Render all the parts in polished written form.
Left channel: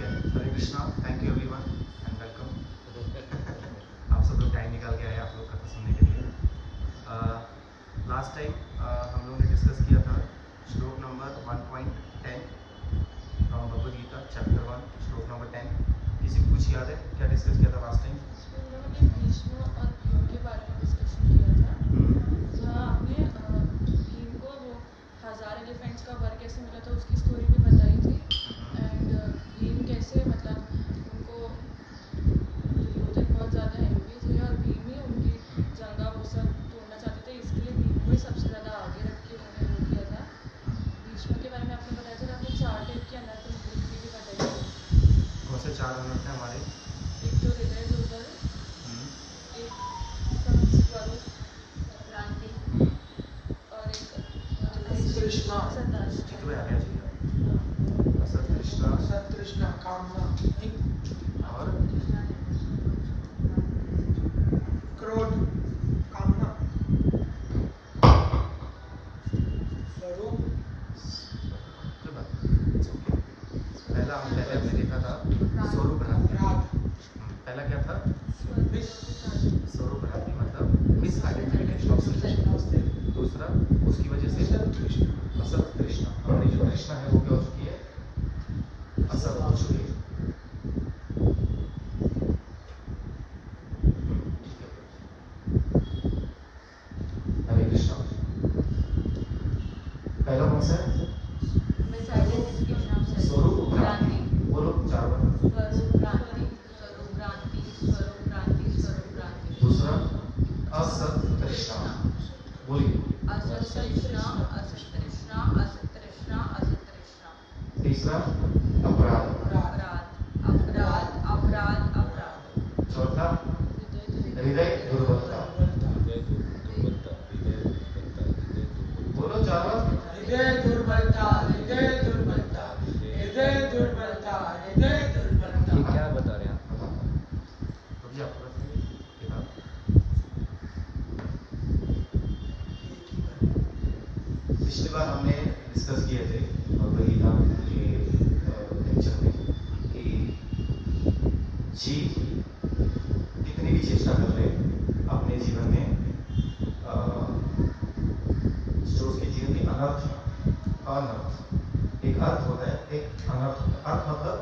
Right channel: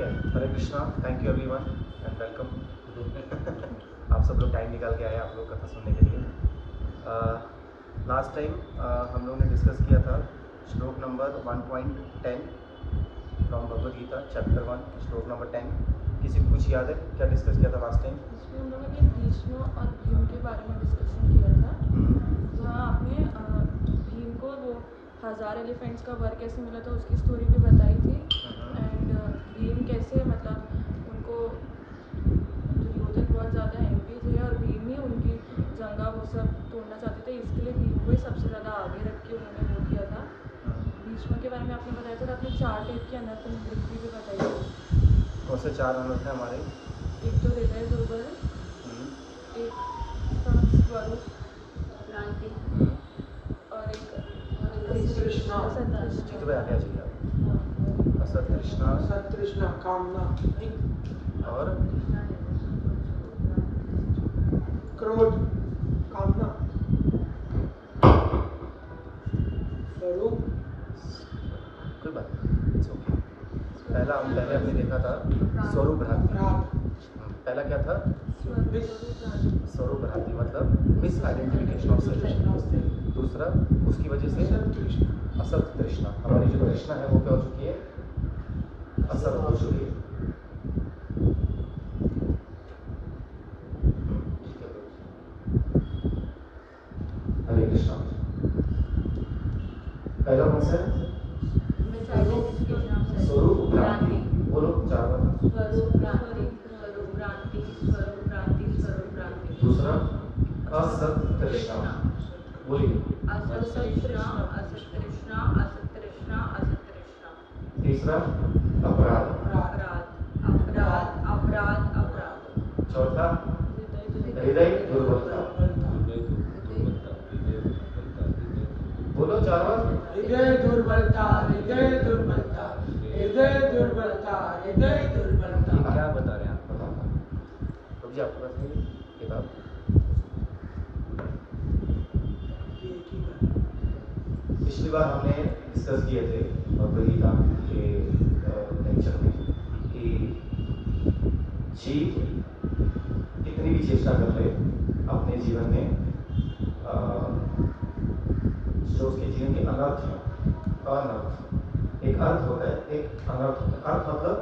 है। Hare Krishna, thank you everyone and welcome. आप सब लोग टाइम निकाल के आए आप लोग कथा सुनने के लिए। लास्ट टाइम हम लोगों ने डिस्कस किया था shloka number 1.10 from Bhagavad Gita chapter 1 shloka number 10। किसी को कुछ याद है क्या डिस्कस किया था लास्ट टाइम? भीष्म और भीम के बारे में डिस्कशन किया था। जहाँ आपने भीम को वो 1000 एलिफेंट्स का वर कैसे मिला था उसकी स्टोरी भी बताई थी। एंड भीम कैसे मतलब उनको दुर्योधन बहुत ज़्यादा एनपी थे और भीम ही उनकी जंगा वो सब तोड़ना चाहते थे, इसके लिए भीम को ही सबसे ज़्यादा आगे रख के उन्होंने वो किया था। भीष्म के बारे में आपने बताया था, आपने 4 टाइप के अनर्थ भी बताई थी। कौन से 4 अनर्थ हैं हमारे? एक तो हृदय दुर्बल, एक स्वरूप भ्रांति और एक तृष्णा। चित्त पे आ गया चाहिए आप। असत तृष्णा कामना और क्रोध कामना स्वरूप। कोई बात नहीं, it's okay। पहले हमने देखा था स्वरूप भ्रांति। पहला क्या था? स्वरूप भ्रांति मतलब मिस आइडेंटिफिकेशन ऑफ सेल्फ। दूसरा उसकी वजह से असत तृष्णा, हमारी जो तृष्णा है वो क्या हो चुकी है? असत हो चुकी है। हरे कृष्णा। पहला कौन सा है? स्वरूप भ्रांति। बोलो 4 बार। दूसरा असत तृष्णा, बोलिए। तीसरा अपराध। चौथा हृदय दुर्बलता। बोलो 4 बार। हृदय दुर्बलता, हृदय दुर्बलता, हृदय दुर्बलता, हृदय दुर्बलता। क्या बता रहे हैं आप? बताओ। रुक जाओ, आपके पास है किताब? पिछली बार हमने डिस्कस किए थे भगवद गीता के लेक्चर में कि जीव कितनी भी चेष्टा कर ले अपने जीवन में जो उसके जीवन के अनर्थ है, अनर्थ एक अर्थ होता है, एक अनर्थ होता है। अर्थ मतलब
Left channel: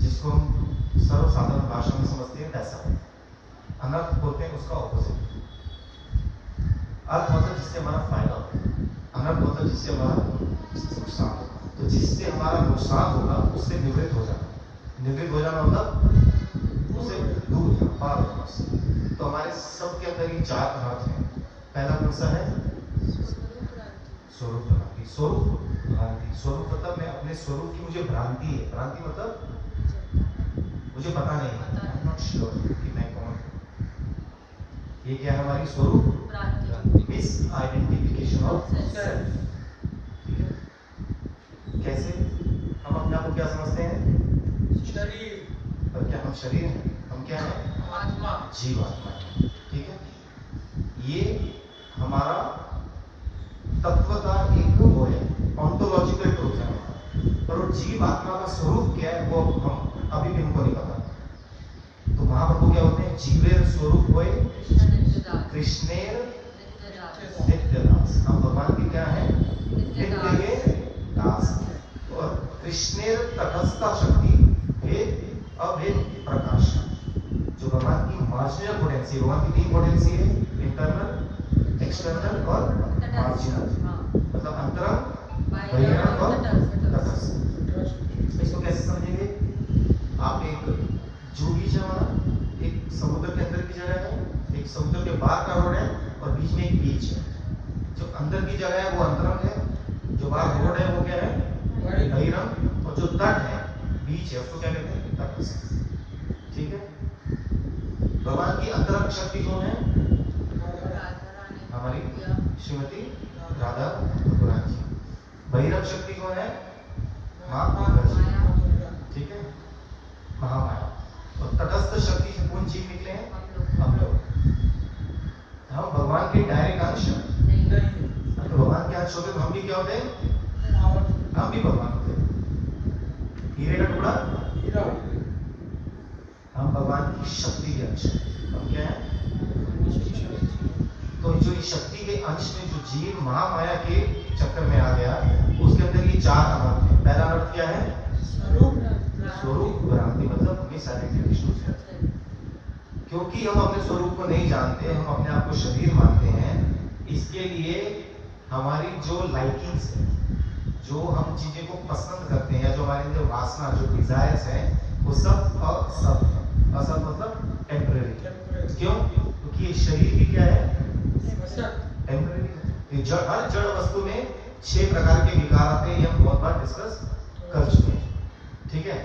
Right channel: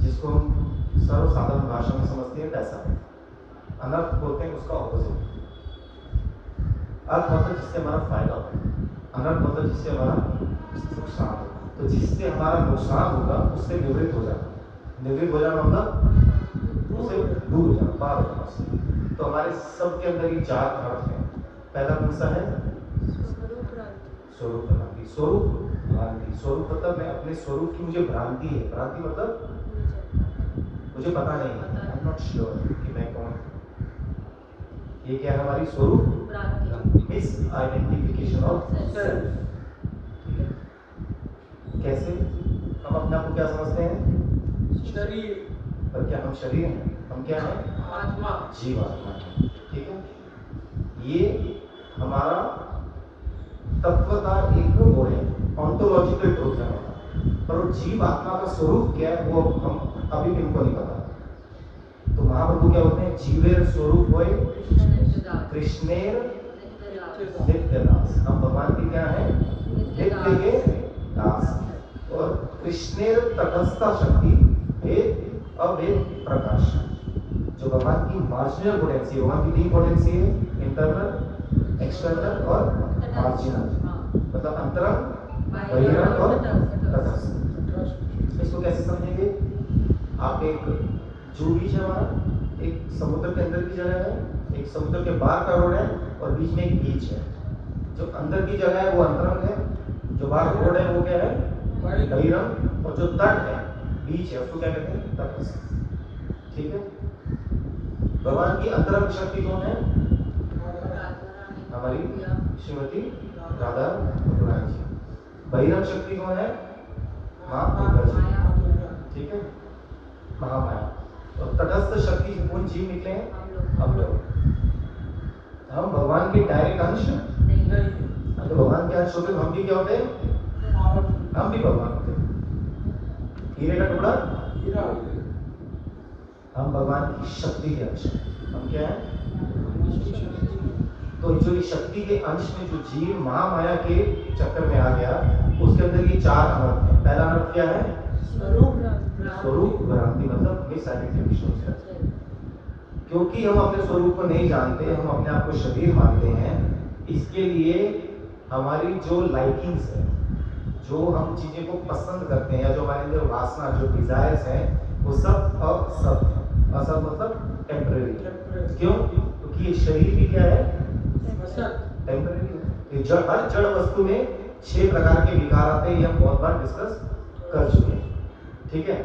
जिसको हम सर्वसाधारण भाषा में समझते हैं पैसा। अनर्थ बोलते हैं उसका ऑपोजिट। अर्थ मतलब जिससे हमारा फायदा हो, अनर्थ मतलब जिससे हमारा नुकसान हो। तो जिससे हमारा नुकसान होगा उससे निवृत्त हो जाना। निवृत्त हो जाना मतलब उससे दूर हो जाना, पार हो जाना उससे। तो हमारे सबके अंदर ये 4 अनर्थ है। पहला कौन सा है? स्वरूप भ्रांति। स्वरूप भ्रांति, स्वरूप मतलब मैं अपने स्वरूप की मुझे भ्रांति है। भ्रांति मतलब मुझे पता नहीं है, आई एम नॉट श्योर कि मैं कौन हूँ। ये क्या है हमारी स्वरूप भ्रांति, मिस आइडेंटिफिकेशन ऑफ सेल्फ। ठीक है? कैसे हम अपने आप को क्या समझते हैं? शरीर। पर क्या हम शरीर हैं? हम क्या हैं? आत्मा, जीवात्मा। ठीक है? ये हमारा तत्वता एक वो है, ऑन्टोलॉजिकल ट्रूथ है। पर वो जीव आत्मा का स्वरूप क्या है वो हम अभी भी हमको नहीं पता। तो महाप्रभु क्या बोलते हैं? जीवेर स्वरूप होय कृष्णेर नित्यदास। हम भगवान के क्या है? नित्य के दास। और कृष्णेर तटस्थ शक्ति भेद अभेद प्रकाश। जो भगवान की मार्जिनल पोटेंसी है, भगवान की 3 पोटेंसी है, इंटरनल, एक्सटर्नल और मार्जिनल। मतलब अंतरंग, बहिरंग और तटस्थ। इसको कैसे समझेंगे आप? एक जू बीच है हमारा, एक समुद्र के अंदर की जगह है, एक समुद्र के बाहर का रोड है और बीच में एक बीच है। जो अंदर की जगह है वो अंतरंग है, जो बाहर रोड है वो क्या है? बहिरंग। और जो तट है, बीच है, उसको क्या कहते हैं? तटस्थ। ठीक है? भगवान की अंतरंग शक्ति कौन है? हमारी श्रीमती राधा रानी जी। बहिरंग शक्ति कौन है? माँ दुर्गा जी। ठीक है? महामाया। और तटस्थ शक्ति से कौन जीव निकले हैं? हम लोग। हम भगवान के डायरेक्ट अंश नहीं। तो भगवान के अंश होते तो हम भी क्या होते हैं? हम भी भगवान होते हैं। हीरे का टुकड़ा हम भगवान की शक्ति के अंश हैं। हम क्या हैं? तो जो ये शक्ति के अंश में जो जीव महामाया के चक्कर में आ गया, उसके अंदर ये चार अनर्थ है। पहला अनर्थ क्या है? स्वरूप भ्रांति, मतलब मिस आइडेंटिफिकेशन। क्योंकि हम अपने स्वरूप को नहीं जानते, हम अपने आप को शरीर मानते हैं, इसके लिए हमारी जो लाइकिंग्स है, जो हम चीजें को पसंद करते हैं, जो हमारे अंदर वासना, जो डिजायर्स हैं, वो सब असत मतलब टेम्पररी। क्यों? क्योंकि ये शरीर भी क्या है? टेम्पररी। हर जड़ वस्तु में 6 प्रकार के विकार आते हैं, ये हम बहुत बार डिस्कस कर चुके हैं। ठीक है,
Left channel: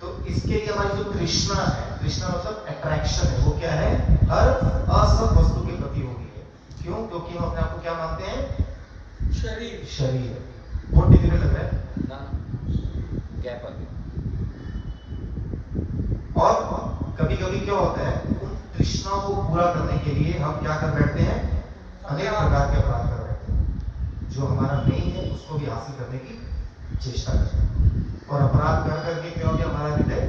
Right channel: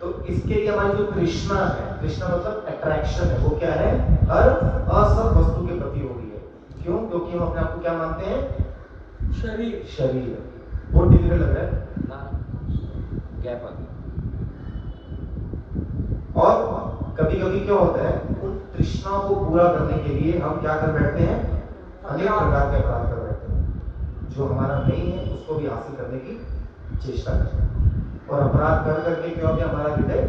तो इसके लिए हमारी जो तृष्णा है, तृष्णा मतलब अट्रैक्शन है, वो क्या है? हर असत वस्तु के प्रति हो गई है। क्यों? क्योंकि हम अपने आप को क्या मानते हैं? शरीर। बहुत डिफिकल्ट लग रहा है ना? गैप आ गया। और कभी कभी क्या होता है, उन तृष्णा को पूरा करने के लिए हम क्या कर बैठते हैं? अनेक प्रकार के अपराध कर बैठते हैं। जो हमारा नहीं है उसको भी हासिल करने की चेष्टा करते हैं, और अपराध कर करके क्या हो गया? हमारा हृदय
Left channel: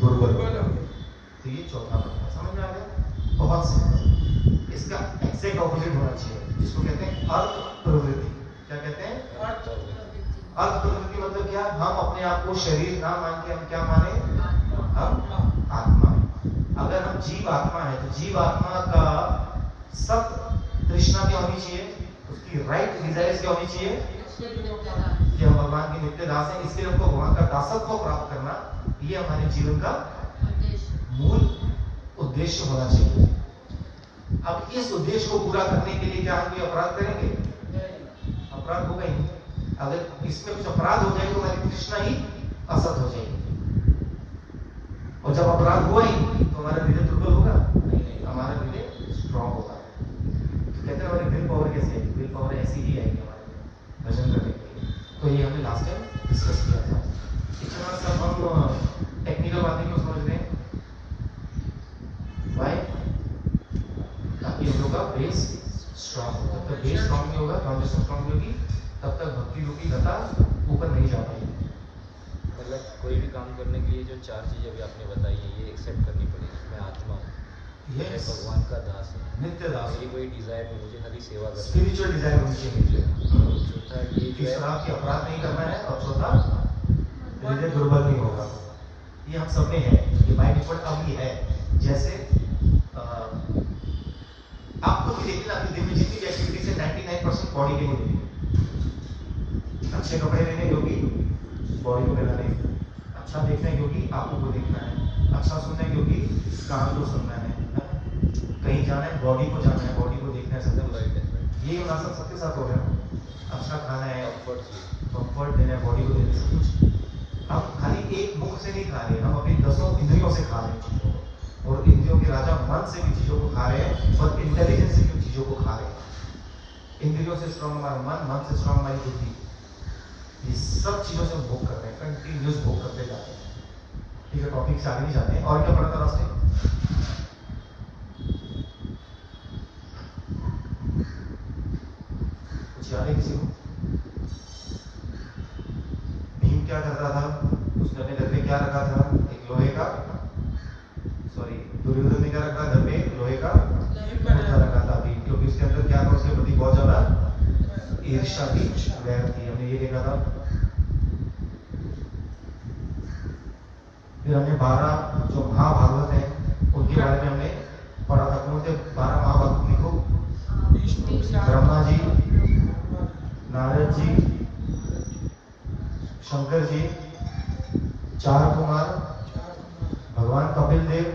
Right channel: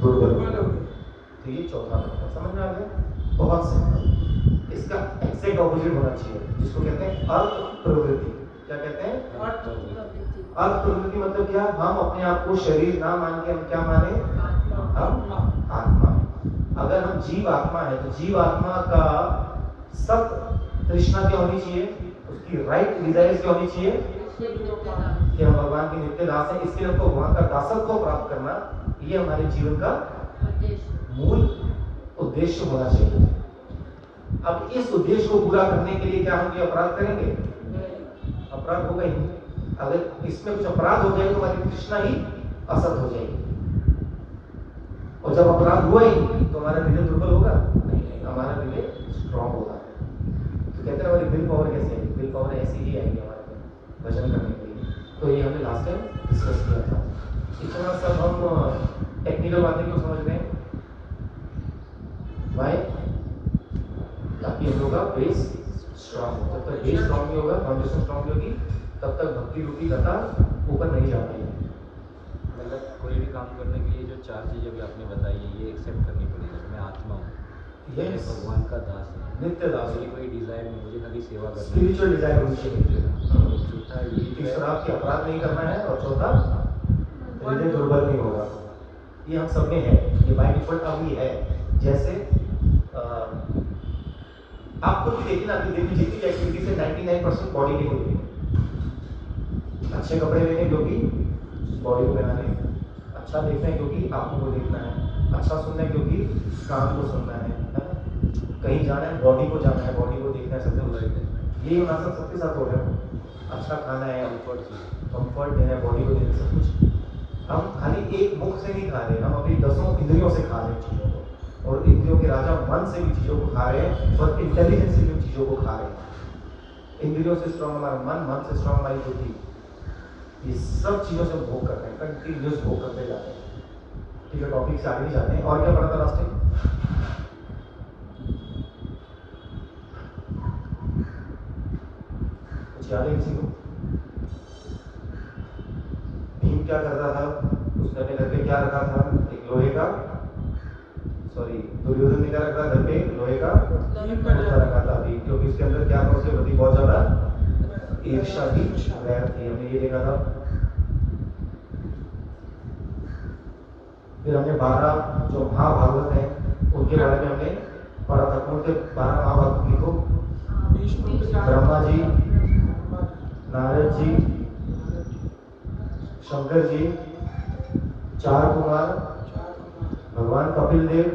दुर्बल हो गया। तो ये चौथा नंबर समझ में आ गया? बहुत सिंपल। इसका एग्जैक्ट ऑपोजिट होना चाहिए, जिसको कहते हैं अर्थ प्रवृत्ति। क्या कहते हैं? अर्थ प्रवृत्ति मतलब क्या? हम अपने आप को शरीर ना मान के हम क्या माने? हम आत्मा। अगर हम जीव आत्मा है तो जीव आत्मा का सब तृष्णा क्या होनी चाहिए? उसकी राइट डिजायर्स क्या होनी चाहिए? कि हम भगवान के नित्य दास हैं, इसलिए हमको भगवान का दासत्व प्राप्त करना, ये हमारे जीवन का मूल उद्देश्य होना चाहिए। अब इस उद्देश्य को पूरा करने के लिए क्या हम कोई अपराध करेंगे? अपराध होगा ही। अगर इसमें कुछ अपराध हो जाए तो हमारी तृष्णा ही असत हो जाएगी, और जब अपराध हुआ ही तो हमारा हृदय दुर्बल होगा? नहीं, हमारा हृदय स्ट्रॉन्ग होगा। तो कहते हैं हमारी विल पावर कैसे आएगी? विल पावर ऐसी ही आएगी हमारे में भजन करने के लिए। तो ये हमने लास्ट टाइम डिस्कस किया था। इतना सब हम टेक्निकल बातें क्यों समझ रहे हैं? वाई? ताकि हम लोग का बेस स्ट्रॉन्ग हो। जब तक बेस स्ट्रॉन्ग नहीं होगा, फाउंडेशन स्ट्रॉन्ग होगी, तब तक भक्ति रूपी लता ऊपर नहीं जा पाएगी। मतलब कोई भी काम करने के लिए जो 4 चीजें अभी आपने बताई है, ये एक्सेप्ट करनी पड़ेगी। मैं आत्मा हूँ, मैं भगवान का दास हूँ, नित्य दास। मेरी कोई डिजायर नहीं, मुझे खाली सेवा करनी है। स्पिरिचुअल डिजायर होनी चाहिए। चौथा ये तीसरा आपके अपराध नहीं करना है, और चौथा हृदय दुर्बल नहीं होगा। ये हम सब में है, ये बाय डिफॉल्ट अभी है। जैसे आपको भी देखिए ना, आपकी दिन में जितनी एक्टिविटीज है 99% बॉडी के लिए होती है। अच्छे कपड़े लेने क्योंकि बॉडी को बनाने, अच्छा देखना है क्योंकि आपको वो देखना है, अच्छा सुनना है क्योंकि कान को सुनना है ना? कहीं जाना है बॉडी को जाना है, बॉडी को देखना है, सब कुछ। ये हमारे साथ सबके साथ हो रहा है। अच्छा खाना है, कंफर्ट देना है, बॉडी को देना है, सब कुछ। हम खाली एक मुख से नहीं खा रहे, हम अपनी 10 इंद्रियों से खा रहे हैं चीज़ों को, और इंद्रियों के राजा मन से भी चीज़ों को खा रहे हैं, और इंटेलिजेंस से भी उन चीज़ों को खा रहे हैं। इंद्रियों से स्ट्रॉन्ग हमारा मन, मन से स्ट्रॉन्ग हमारी बुद्धि। ये सब चीज़ों से हम भोग कर रहे हैं, कंटिन्यूस भोग करते जा रहे हैं। ठीक है, टॉपिक से आगे नहीं जाते हैं। और क्या पढ़ा था लास्ट टाइम? कुछ याद है किसी को? भीम क्या कर रहा था? उसने अपने घर पे क्या रखा था? एक लोहे का, सॉरी, दुर्योधन ने क्या रखा था घर पे? लोहे का पुतला रखा था भीम, क्योंकि उसके अंदर क्या था? उसके प्रति बहुत ज्यादा ईर्ष्या की, वैर थी। हमने ये देखा था। फिर हमने 12 जो महाभागवत हैं उनके बारे में हमने पढ़ा था। कौन थे 12 महाभागवत? लिखो। ब्रह्मा जी, नारद जी, शंकर जी, 4 कुमार, भगवान कपिल देव,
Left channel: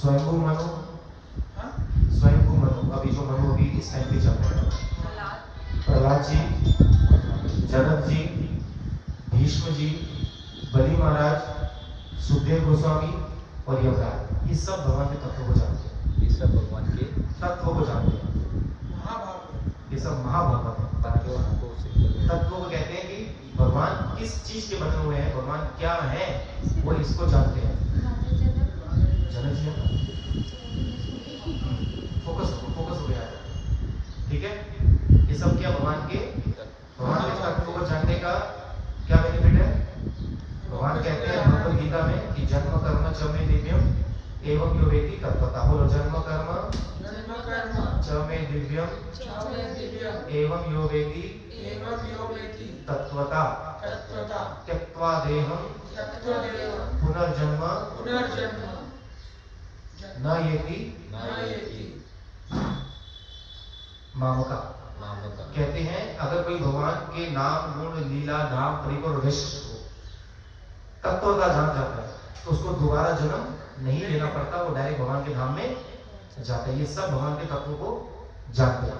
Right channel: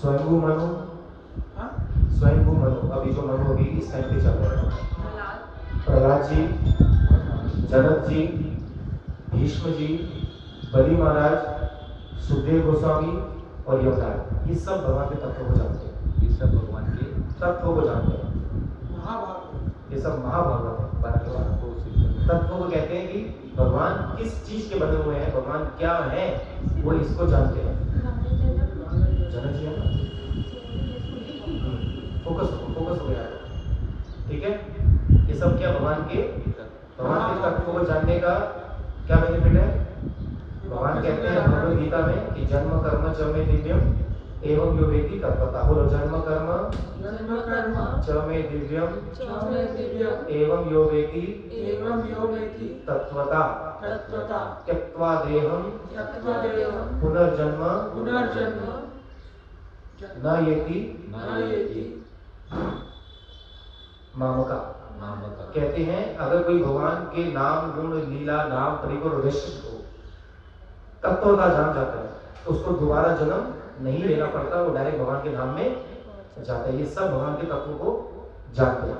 स्वयंभू मनु, स्वयंभू मनु, अभी जो मनु अभी इस टाइम पे चल रहे हैं, प्रहलाद जी, जनक जी, भीष्म जी, बलि महाराज, सुखदेव गोस्वामी और यमराज। ये सब भगवान के तत्वों को जानते हैं। ये सब भगवान के तत्वों को जानते हैं। ये सब महाभागवत है। 12 के 12 तत्वों को कहते हैं कि भगवान किस चीज के बने हुए हैं, भगवान क्या है, वो इसको जानते हैं। जनक जी है ना? फोकस हो यार। ठीक है, ये सब क्या भगवान के तत्वों को जानने का क्या बेनिफिट है? भगवान कहते हैं भगवद गीता में कि जन्म कर्म च मे दिव्यम एवं यो वेति तत्वता। बोलो जन्म कर्म च मे दिव्यम एवं यो वेति तत्वता त्यक्त्वा देहं पुनर्जन्म न येति मामका। कहते हैं अगर कोई भगवान के नाम गुण लीला धाम परिकर विशिष्ट हो, तत्वता जान जाता है, तो उसको दोबारा जन्म नहीं लेना पड़ता, वो डायरेक्ट भगवान के धाम में जाता है। ये सब भगवान के तत्व को जानते हैं।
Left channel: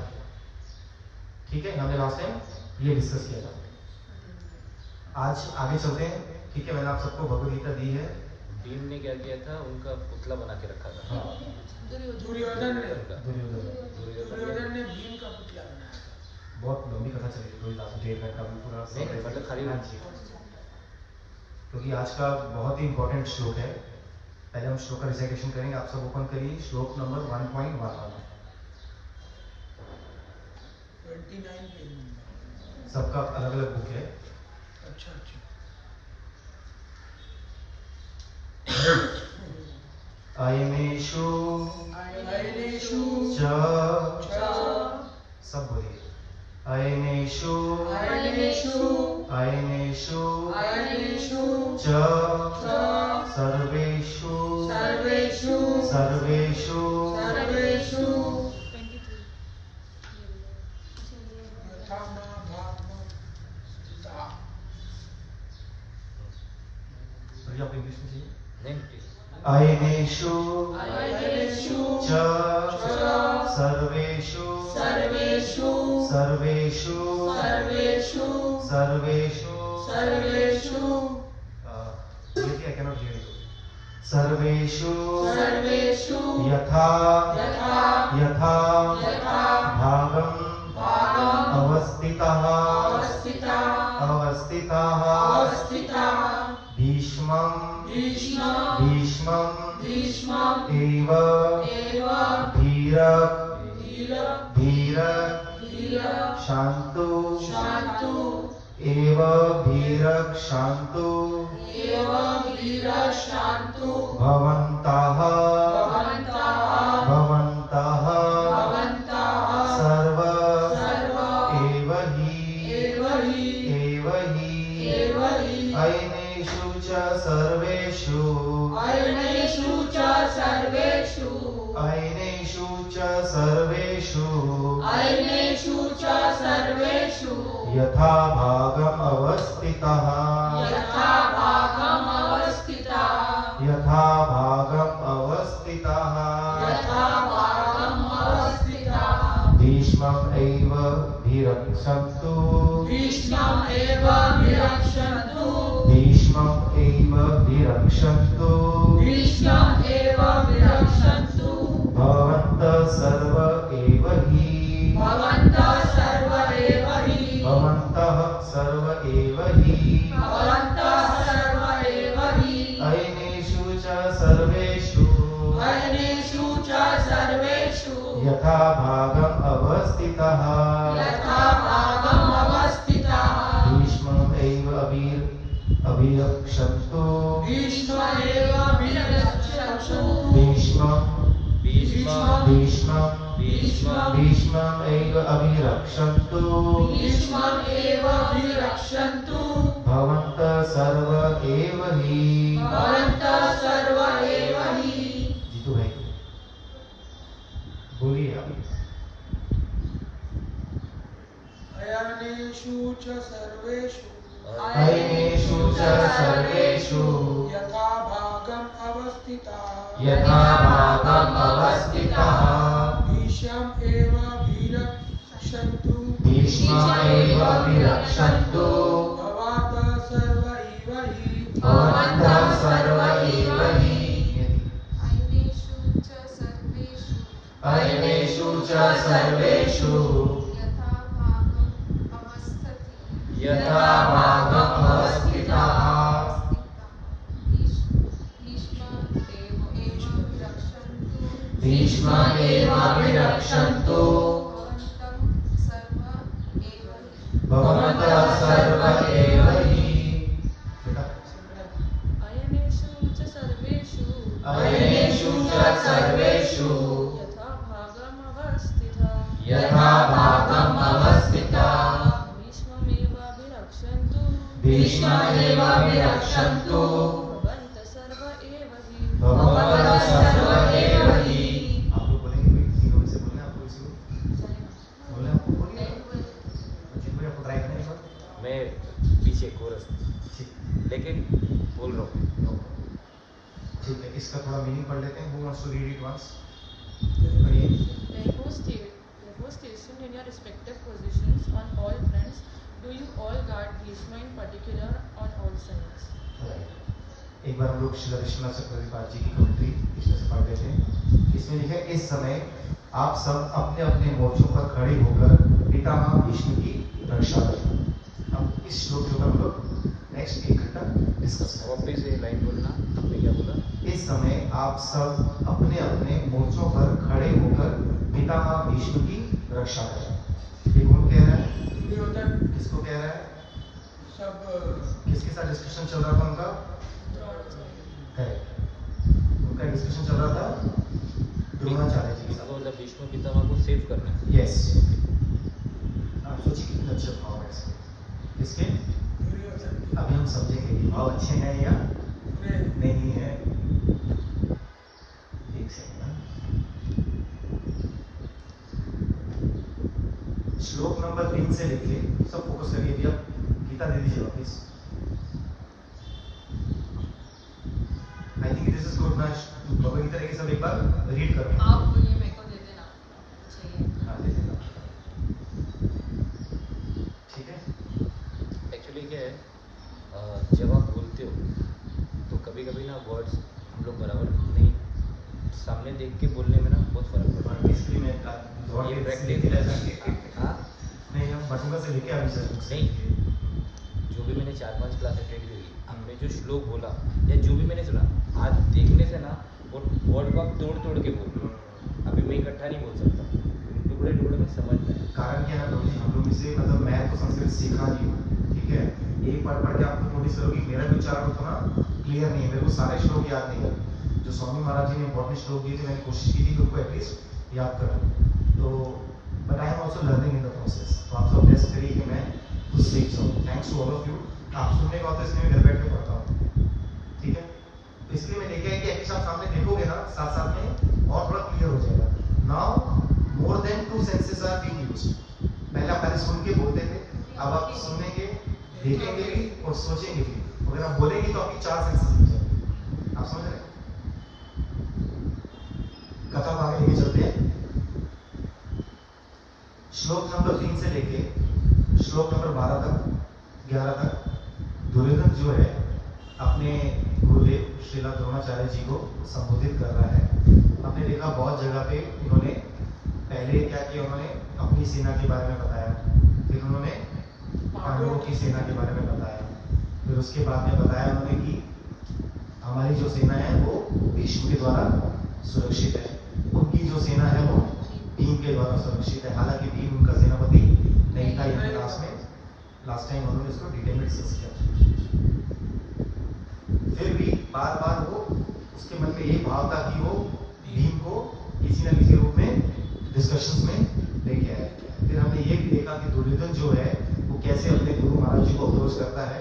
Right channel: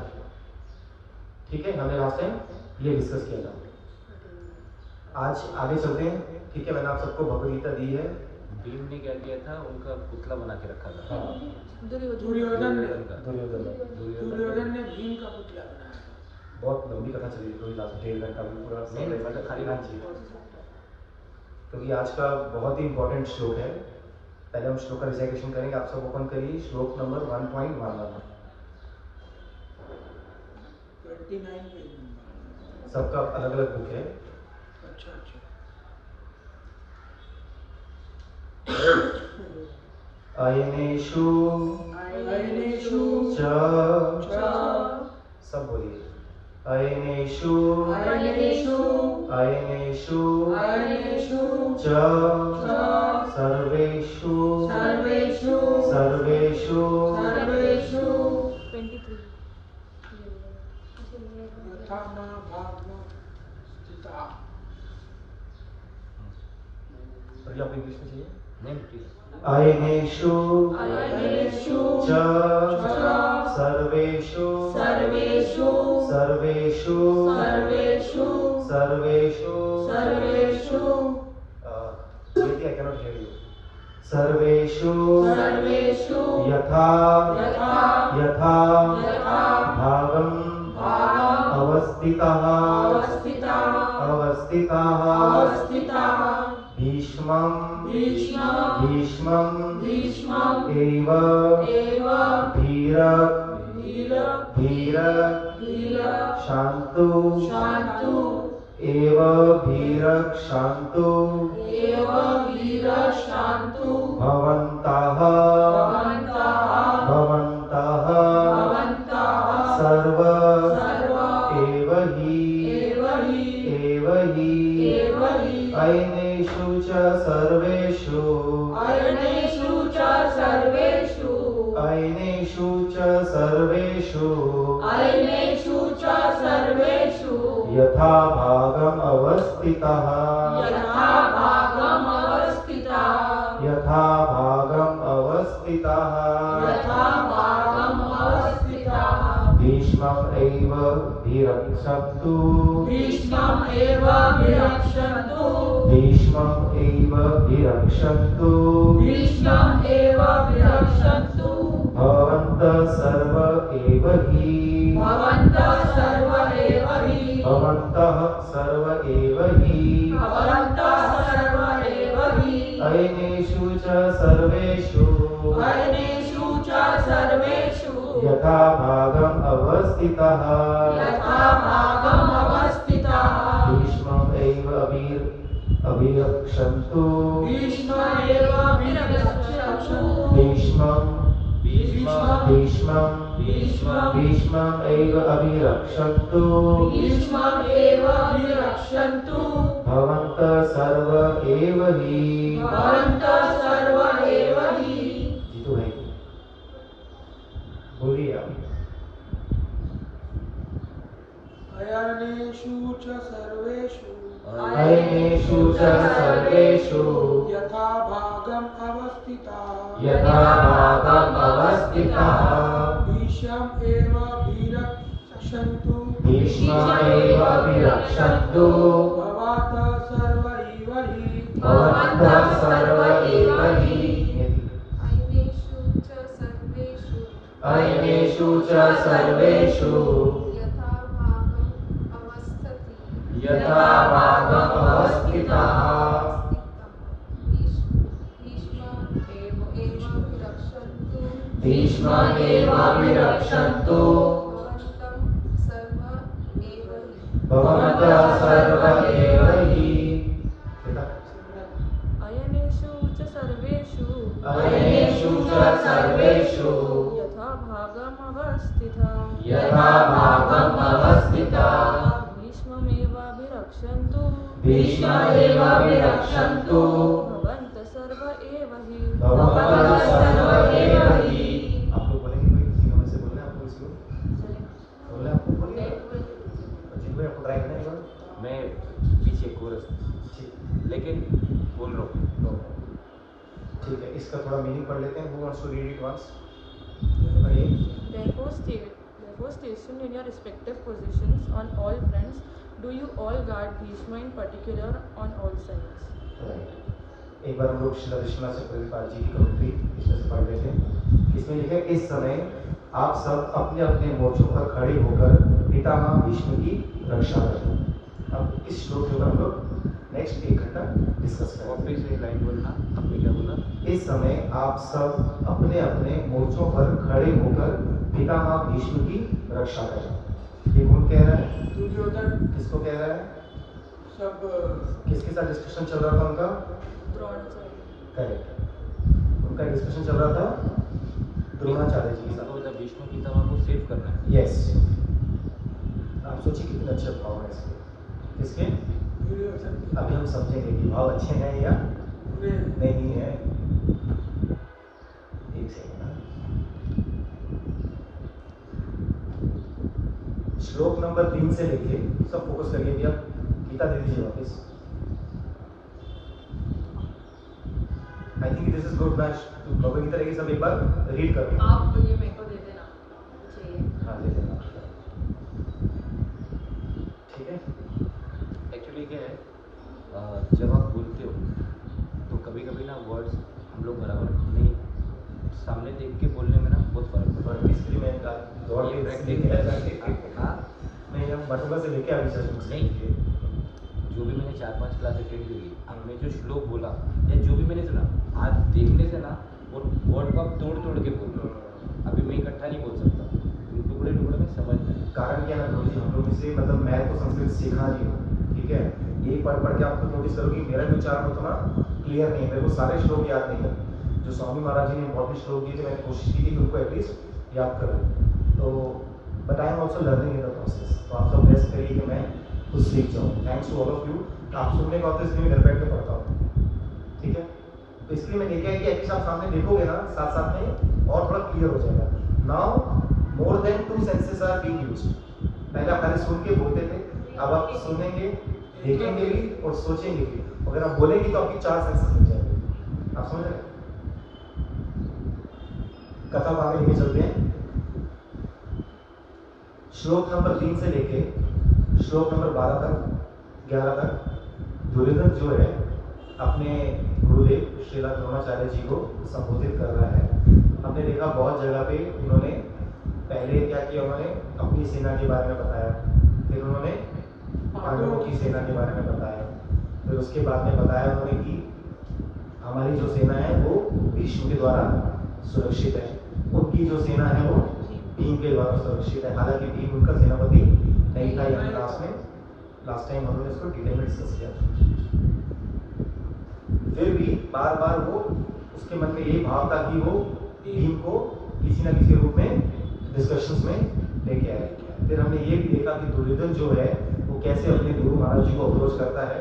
ठीक है, हमने लास्ट टाइम ये डिस्कस किया था। आज आगे चलते हैं। ठीक है, मैंने आप सबको भगवद गीता दी है। भीम ने क्या किया था, उनका पुतला बना के रखा था। हाँ, दुर्योधन ने दुर्योधन ने भीम का पुतला बनाया। बहुत लंबी कथा चली थोड़ी, लास्ट 1.5 घंटा भी पूरा नहीं, मतलब खाली- हाँ जी, क्योंकि आज का बहुत ही इंपॉर्टेंट श्लोक है। पहले हम श्लोक का रिसाइटेशन करेंगे। आप सब ओपन करिए श्लोक नंबर 1.11। 29 पेज में। सबका अलग अलग बुक है। अच्छा अयनेषु अयनेषु च, च सब बोलिए, अयनेषु अयनेषु अयनेषु अयनेषु च च सर्वेषु सर्वेषु सर्वेषु सर्वेषु 23 यथा महाभागवत गीता। पर आपको इंग्लिश में चाहिए। Name please. अयनेषु अयनेषु च च सर्वेषु सर्वेषु सर्वेषु सर्वेषु सर्वेषु सर्वेषु I cannot hear you. सर्वेषु सर्वेषु यथा यथा यथा यथा भागं भागं अवस्थितः अवस्थितः भीष्मं एव धीर शान्तु एव धीर शान्तु भवन्तः सर्व एव हि अयनेषु च सर्वेषु यथा भागम् अवस्थितः भीष्मम् एव विरक्षन्तु भवन्तः सर्व एव हि अयनेषु च सर्वेषु यथा भागम् अवस्थितः भीष्मम् एव अभिरक्षन्तु भीष्मम् एव अभिरक्षन्तु भवन्तः सर्व एव हि। जीतू भाई बोलिए आप। अयनेषु च सर्वेषु यथा भागम् अवस्थितः भीष्मम् एव विरक्षन्तु भवन्तः सर्व एव हि। अयनेषु च सर्वेषु यथा भागम् अवस्थितः भीष्मम् एव विरक्षन्तु भवन्तः सर्व एव हि। सर्वेषु यथा भागमवस्थितम् यथा भागम् अवस्थिता भीष्ममेवाभिरक्षन्तु भीष्ममेवाभिरक्षन्तु भवन्तः सर्व एव हि भवन्तः सर्व एव हि। आप लोग बोलेंगे भाई तीनों में से बोलना है आपको किसी को बोलना है आपको बोलिए अजीत भाई आपको ट्राई करना है एक बार मैं पीछे कोरस ठीक लेकिन बोल रहा हूँ। ठीक है इसका थोड़ा मीनिंग पढ़ लेते हैं. Who wants to read it once? पढ़िए. Therefore stationed in your respective positions on all fronts, do you all guard Bhishma in particular on all sides. Right. एक बार हम लोग श्री विश्वनाथ चक्रवर्ती जी की कमेंट्री इसमें से पढ़ लेते हैं. इसमें लिखा है इस समय आप सब अपने अपने मोर्चों पर खड़े होकर पितामह भीष्म की रक्षा करें. अब इस श्लोक के ऊपर हम लोग नेक्स्ट 1 घंटा डिस्कस और करेंगे. फिर से लाइन बोलना आपने क्या बोला? इस समय आप सब अपने अपने मोर्चों पर खड़े होकर पितामह भीष्म की रक्षा करें. ये कौन कह रहा है? दुर्योधन किसको कह रहा है? सब किसके साथ डिस्कशन चल रहा था उनका? द्रोणाचार्य. करेक्ट. उनका डिस्कशन चल रहा था द्रोणाचार्य जी के साथ. इसको मतलब भीष्म पितामह को सेव करना है। यस. आप सोचिए कितने अच्छे भाव है इसके. किसके? दुर्योधन अभी हम समझेंगे कि भाव अच्छे हैं या में नहीं है. एक सेकंड. श्लोक नंबर 3 से लिखिए. सब फोकस करिए भैया. गीता दे दीजिए वापस. I think this is good ना. भगवद गीता रहेगी सब एक बार रीड करो. आप ये मेरे को दे देना चाहिए. हाँ ले लेना. ठीक है. एक्चुअली क्या है जब आप बोलते हो तो कभी कभी ना वर्ड्स हम लोग बराबर नहीं सामने देख के बोलने में ना बहुत फर्क और पड़ता इसके लिए मैं दौड़ है। के ये प्रैक्टिस प्रैक्टिस किया हाँ नहीं हम बटुका से लेके अभी सर बुक्स नहीं जो भी मैंने 4-5 क्लास अटेंड करी हमने जो श्लोक बोला या जो भी मैंने सुना आज देखने से ना वो वर्ड को आप तोड़ तोड़ के बोलो. अभी मैं इकट्ठा नहीं बोल सकता यूट्यूब में में समझ में कारण क्या है ना प्रभु जी हम लोग से मतलब मैं तो संस्कृत सीखा नहीं हूँ. ठीक है. यही पढ़ पढ़ के आप खुद नोटिस करोगे मेरा भी उच्चारण उतना क्लियर नहीं है. मेरे को सारे श्लोक याद नहीं है. जो स्वामी महाराज जी ने इंपॉर्टेंट श्लोक दिए थे मैंने कोशिश की थी कि उनको एटलीस्ट याद करूँ. तो but I am also learning in the process. तो आप सब बेस्ट करिए कि मैं खुद सीख जाऊँ. Thanks to all of you. आप सुनने का होता है इसलिए मैं घर बैठ के पढ़ता हूँ. ठीक है. तो इसलिए मैं लेके आया कि एटलीस्ट आप सामने देखोगे ना साथ साथ में और थोड़ा क्लियर हो जाएगा. Now more than 2 senses are being used. पहले आप खाली सुन के बोलते थे. अब आप सुनेंगे देखेंगे भी और सोचेंगे भी. अगर आप बोलेंगे तो आपकी 4 सेंसेस लग जाएंगे. आप समझ रहे हैं? कथा को आगे लेके चलते हैं. श्लोक नंबर 3 से लेके श्लोक नंबर 12 तक 11 तक दुर्योधन जो है अपने गुरुदेव श्रीला द्रोणाचार्य जी को संबोधित कर रहा है. हमने देखा बहुत जगह पे उन्होंने पहले क्या किया. उन्होंने अपनी सेना के बारे में बताया. फिर उन्होंने पांडवों की सेना के बारे में बताया. फिर उसके बाद में बताया उन्होंने कि हमारी जो सेना है वो भीष्म के द्वारा सुरक्षित है. उनकी जो सेना है वो भीम के द्वारा सुरक्षित है. हालांकि भीम उनका सेनापति नहीं था. यहाँ लास्ट टाइम उन्होंने इसको डिटेल में डिस्कस किया. फिर भी बार बार वो उसके मन में यही भाव था कि वो भीम को किसी ना किसी रूप में डिस्कशंस में लेके आए. फिर हमने ये भी देखा कि दुर्योधन जो है वो कैसे अपने गुरु महाराज जी को अप्रोच करता है.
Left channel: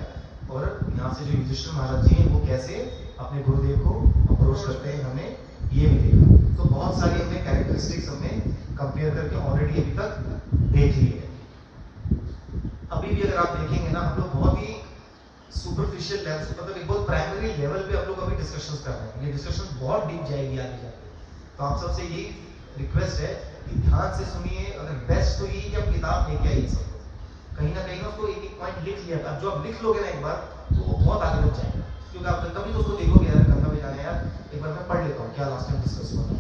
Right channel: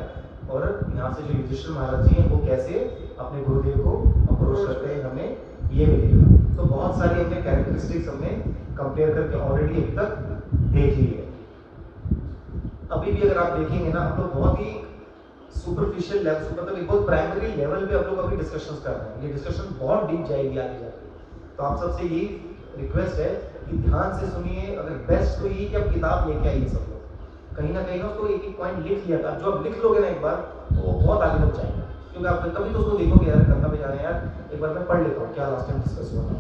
और यहाँ से जो युधिष्ठिर महाराज जी हैं वो कैसे अपने गुरुदेव को अप्रोच करते हैं. हमने ये भी देखा. तो बहुत सारी हमने कैरेक्टरिस्टिक्स हमने कंपेयर करके ऑलरेडी अभी तक देख ली है. अभी भी अगर आप देखेंगे ना हम लोग बहुत ही सुपरफिशियल लेवल मतलब एक बहुत प्राइमरी लेवल पे हम लोग अभी डिस्कशंस कर रहे हैं. ये डिस्कशन बहुत डीप जाएगी आगे जाके. तो आप सबसे यही रिक्वेस्ट है कि ध्यान से सुनिए. अगर बेस्ट तो यही कि आप किताब लेके आइए सब लोग. कहीं ना उसको एक एक पॉइंट लिख लिया था. जो आप लिख लोगे ना एक बार तो वो बहुत आगे तक जाएगा. क्योंकि आप कभी तो उसको देखोगे यार कथा में जाना यार एक बार मैं पढ़ लेता हूँ क्या लास्ट टाइम डिस्कस हुआ था.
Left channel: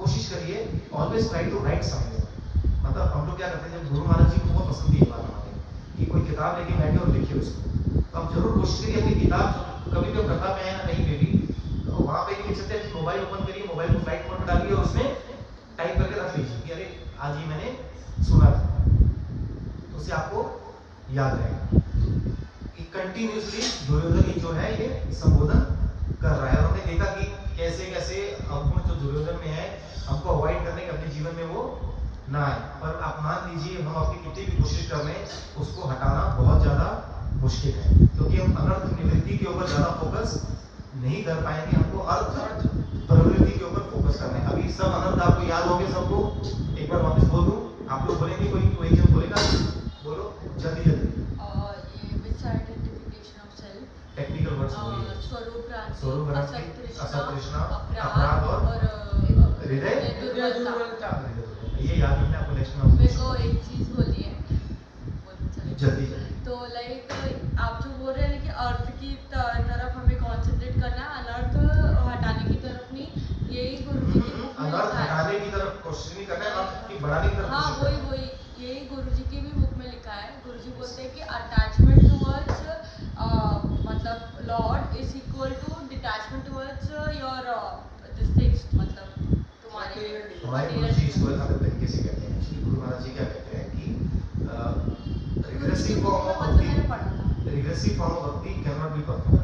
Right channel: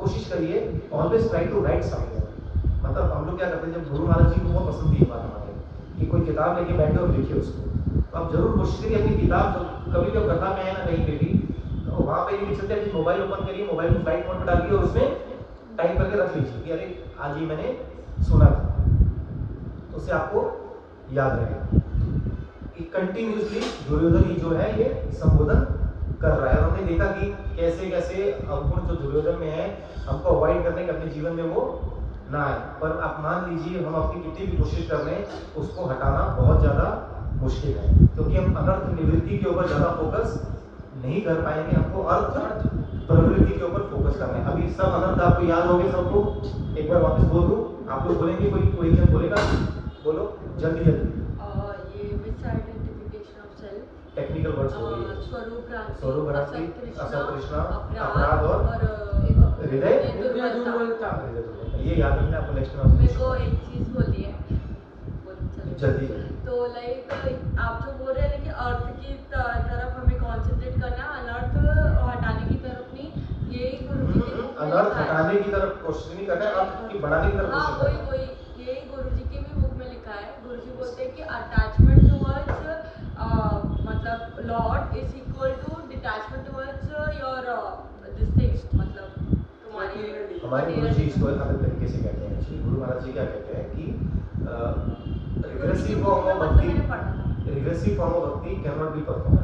कोशिश करिए always try to write something. मतलब हम लोग क्या करते हैं जब गुरु महाराज जी को बहुत पसंद थी ये बात हमारे कि कोई किताब लेके बैठे और लिखिए उसको. तो आप जरूर कोशिश करिए अपनी किताब कभी भी कथा में है ना कहीं पे भी तो वहाँ पे नहीं लिख सकते. मोबाइल ओपन करिए. मोबाइल को फ्लाइट मोड पर डालिए और उसमें टाइप करके रख लीजिए कि अरे आज ये मैंने सुना था. तो उससे आपको याद रहेगा कि कंटिन्यूसली दुर्योधन जो है ये संबोधन कर रहा है। हमने देखा कि कैसे कैसे अवगुण जो दुर्योधन में है हमको अवॉइड करने के अपने जीवन में वो ना आए। पर आप मान लीजिए हम अपनी कितनी भी कोशिश कर लें उसको हटाना बहुत ज़्यादा मुश्किल है, क्योंकि हम अनर्थ निवृत्ति के ऊपर ज़्यादा फोकस नहीं कर पाएंगे, हमको अर्थ प्रवृत्ति के ऊपर फोकस करना है। अभी सब अनर्थ आपको याद हो गए सबको? एक बार वापस बोल दूं, आप लोग बोलेंगे, कोई जन बोलेगा? बोलो जल्दी जल्दी। ये which identification of self, technical words हो गए, स्वरूप भ्रांति, असत तृष्णा, अपराध और हृदय दुर्बलता। ये याद रखना आपको नेक्स्ट मेरे में। को एक चीज बोलिए जल्दी तो लाइक आप जो बोल रहे हैं कि अर्थ की तरफ हमें कंसंट्रेट करना, अनर्थ हटाने की तरफ नहीं, यही गुरुजी की book में अनर्थ लिखा है। हटाने की तरफ कोशिश नहीं करना है, अर्थ की बढ़ाने की तरफ हाँ कोशिश करना है। वही यही गुरुजी की भी बुक में लिखा है। गुरुजी बोलते हैं कि अटैचमेंट टुवर्ड्स मतलब lord is equal to detachment towards your this things, मतलब तुम्हारे हमारे गुरु जी इसको अलग तरीके से कहते हैं। श्री गुरु महाराज जी क्या कहते हैं कि रिग्रेसिव फॉर्म ऑफ मतलब मैंने भक्ति, पढ़ा था। रिग्रेसिव फॉर्म ऑफ भक्ति कैन नॉट बी परफॉर्म।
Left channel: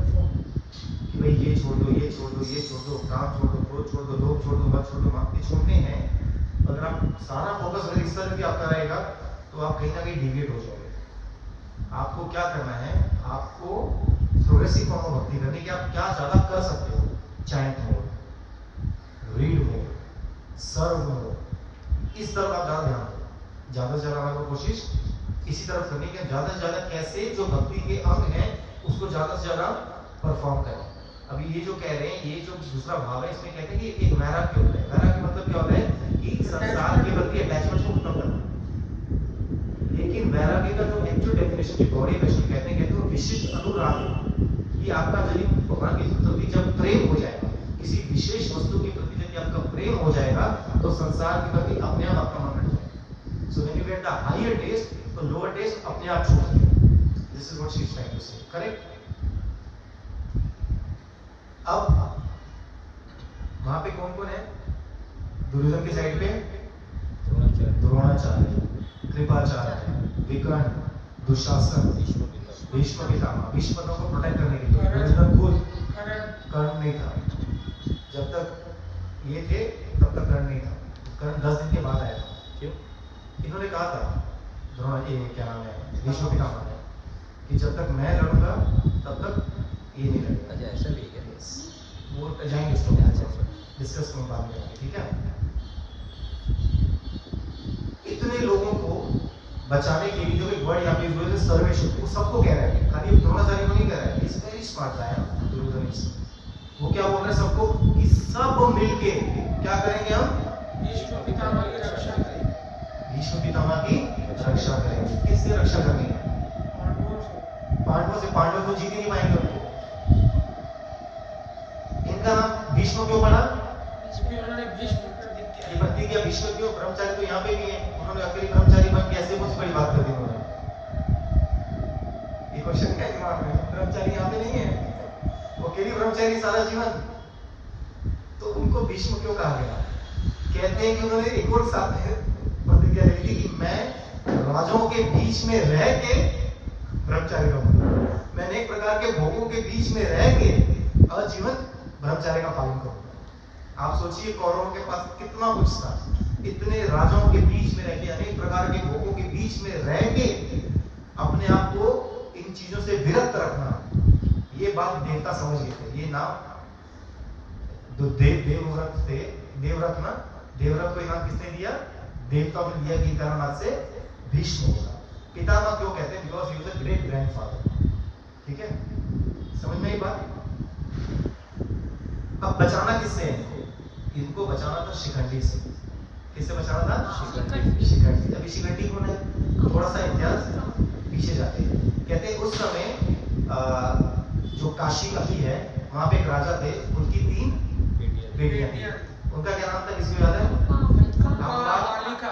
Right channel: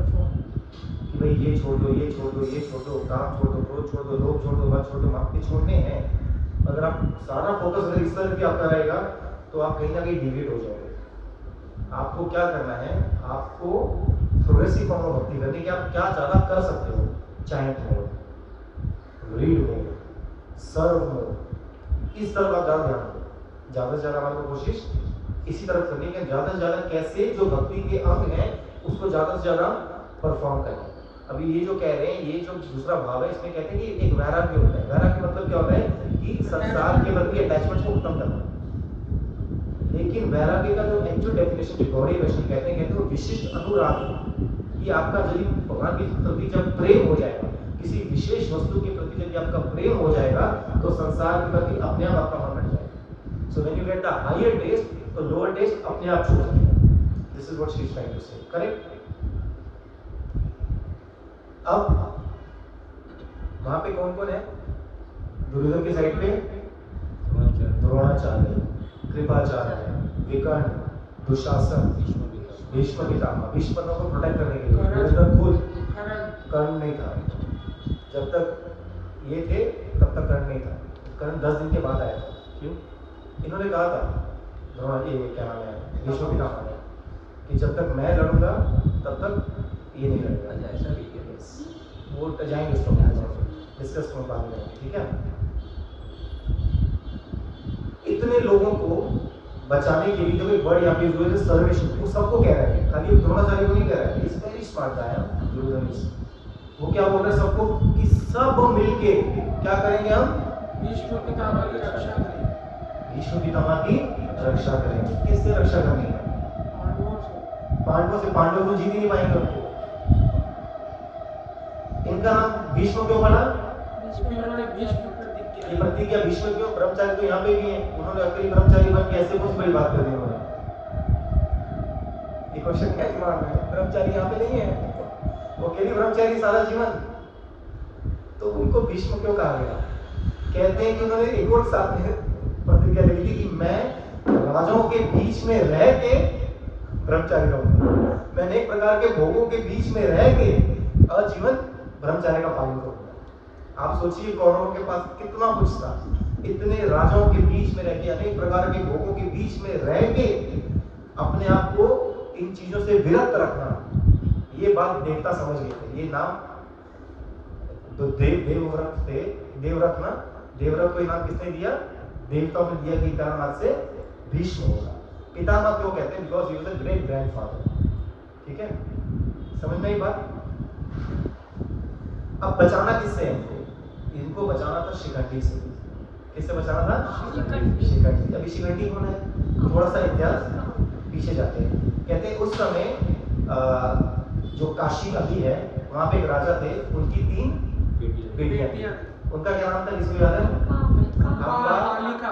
कि भाई ये छोड़ दो, ये छोड़ दो, ये छोड़ दो, काम छोड़ दो, क्रोध छोड़ दो, लोभ छोड़ दो, मत छोड़ दो, मांगते छोड़ने हैं। अगर आप सारा फोकस अगर इस तरह की आपका रहेगा तो आप कहीं ना कहीं डिविएट हो जाओगे। आपको क्या करना है, आपको प्रोग्रेसिव फॉर्म ऑफ भक्ति करनी कि आप क्या ज्यादा कर सकते हो, चैंट हो, रीड हो, सर्व हो, इस तरफ आप ज्यादा ध्यान दो। ज्यादा से ज्यादा हमारे को कोशिश इसी तरफ करनी है, ज्यादा से ज्यादा कैसे जो भक्ति के अंग हैं उसको ज्यादा से ज्यादा परफॉर्म करें। अभी ये जो कह रहे हैं, ये जो दूसरा भाव है, इसमें कहते हैं कि एक वैराग्य होता है। वैराग्य मतलब क्या होता है कि संसार के प्रति अटैचमेंट को खत्म करना। लेकिन वैराग्य का जो एक्चुअल डेफिनेशन जो गौड़ी वैष्णव कहते हैं वो विशिष्ट अनुराग है। कि आपका यदि भगवान के प्रति जब प्रेम हो जाएगा, किसी विशेष वस्तु के प्रति यदि आपका प्रेम हो जाएगा तो संसार के प्रति अपने आप आपका मन हट जाएगा। So when you get the higher taste तो लोअर टेस्ट अपने आप छोड़ देगा। This is what she is trying to say, correct? अब वहां पे कौन कौन है? दुर्योधन के साइड पे द्रोणाचार्य, कृपाचार्य, विकर्ण, दुशासन, भीष्म पितामह। भीष्म को प्रोटेक्ट करने के लिए दुर्योधन खुद, कर्ण नहीं था। जब तक ये थे तब तक कर्ण नहीं था। कर्ण 10 दिन के बाद आया था। क्यों? इन्होंने कहा था ये क्या नाम है, भीष्म पितामह ने, कि जब तक मैं लड़ूंगा तब तक ये नहीं लड़ेगा। अच्छा ऐसा भी है? वो जाएंगे उसको डिस्कस कर बाद में, ठीक है? इतने लोगों को बचाने के लिए देखो वर्ड यहाँ पे यूज हुआ है सर्वेश, वो सबको कह रहा है, खाली द्रोणाचार्य को नहीं कह रहा है। इस वेरी स्मार्ट गाय है दुर्योधन। वो क्या बोल रहे हैं सबको कि सब मिलके क्या करेंगे हम? भीष्म पितामह की रक्षा करें। भीष्म पितामह की रक्षा करेंगे। किससे रक्षा करनी है? पांडवों से। पांडव तो जीत ही नहीं पाएंगे उनको। इनका नाम भीष्म क्यों पड़ा? ये प्रतिज्ञा भीष्म क्यों? ब्रह्मचारी तो यहाँ पे भी हैं, उन्होंने अकेले ब्रह्मचारी बन के ऐसे कुछ बड़ी बात कर दी उन्होंने। ये क्वेश्चन क्या दिमाग में? ब्रह्मचारी यहाँ पे नहीं है, वो अकेले ब्रह्मचारी सारा जीवन, तो उनको भीष्म क्यों कहा गया? कहते हैं कि उन्होंने एक और साथ में प्रतिज्ञा ली थी कि मैं राजाओं के बीच में रह के ब्रह्मचारी रहूंगा, मैं अनेक प्रकार के भोगों के बीच में रह के आजीवन ब्रह्मचर्य का पालन करूंगा। आप सोचिए कौरवों के पास कितना कुछ था, इतने राजाओं के बीच में रह के, अनेक प्रकार के भोगों के बीच में रह के अपने आप को इन चीजों से विरक्त रखना, ये बात देवता समझ गए थे। ये नाम तो देवव्रत थे, देवव्रत ना, देवव्रत को नाम किसने दिया? देवताओं ने दिया कि कारण से भीष्म होगा। पितामह क्यों कहते हैं? Because he was a great grandfather. ठीक है, समझ में ये बात? अब बचाना किससे है? इनको बचाना था शिखंडी से। किससे बचाना था? शिखंडी। अभी शिखंडी कौन है? थोड़ा सा इतिहास पीछे जाते हैं। कहते हैं उस समय जो काशी अभी है वहां पे एक राजा थे, उनकी 3 बेटियां थी। उनका क्या नाम था? किसको याद है?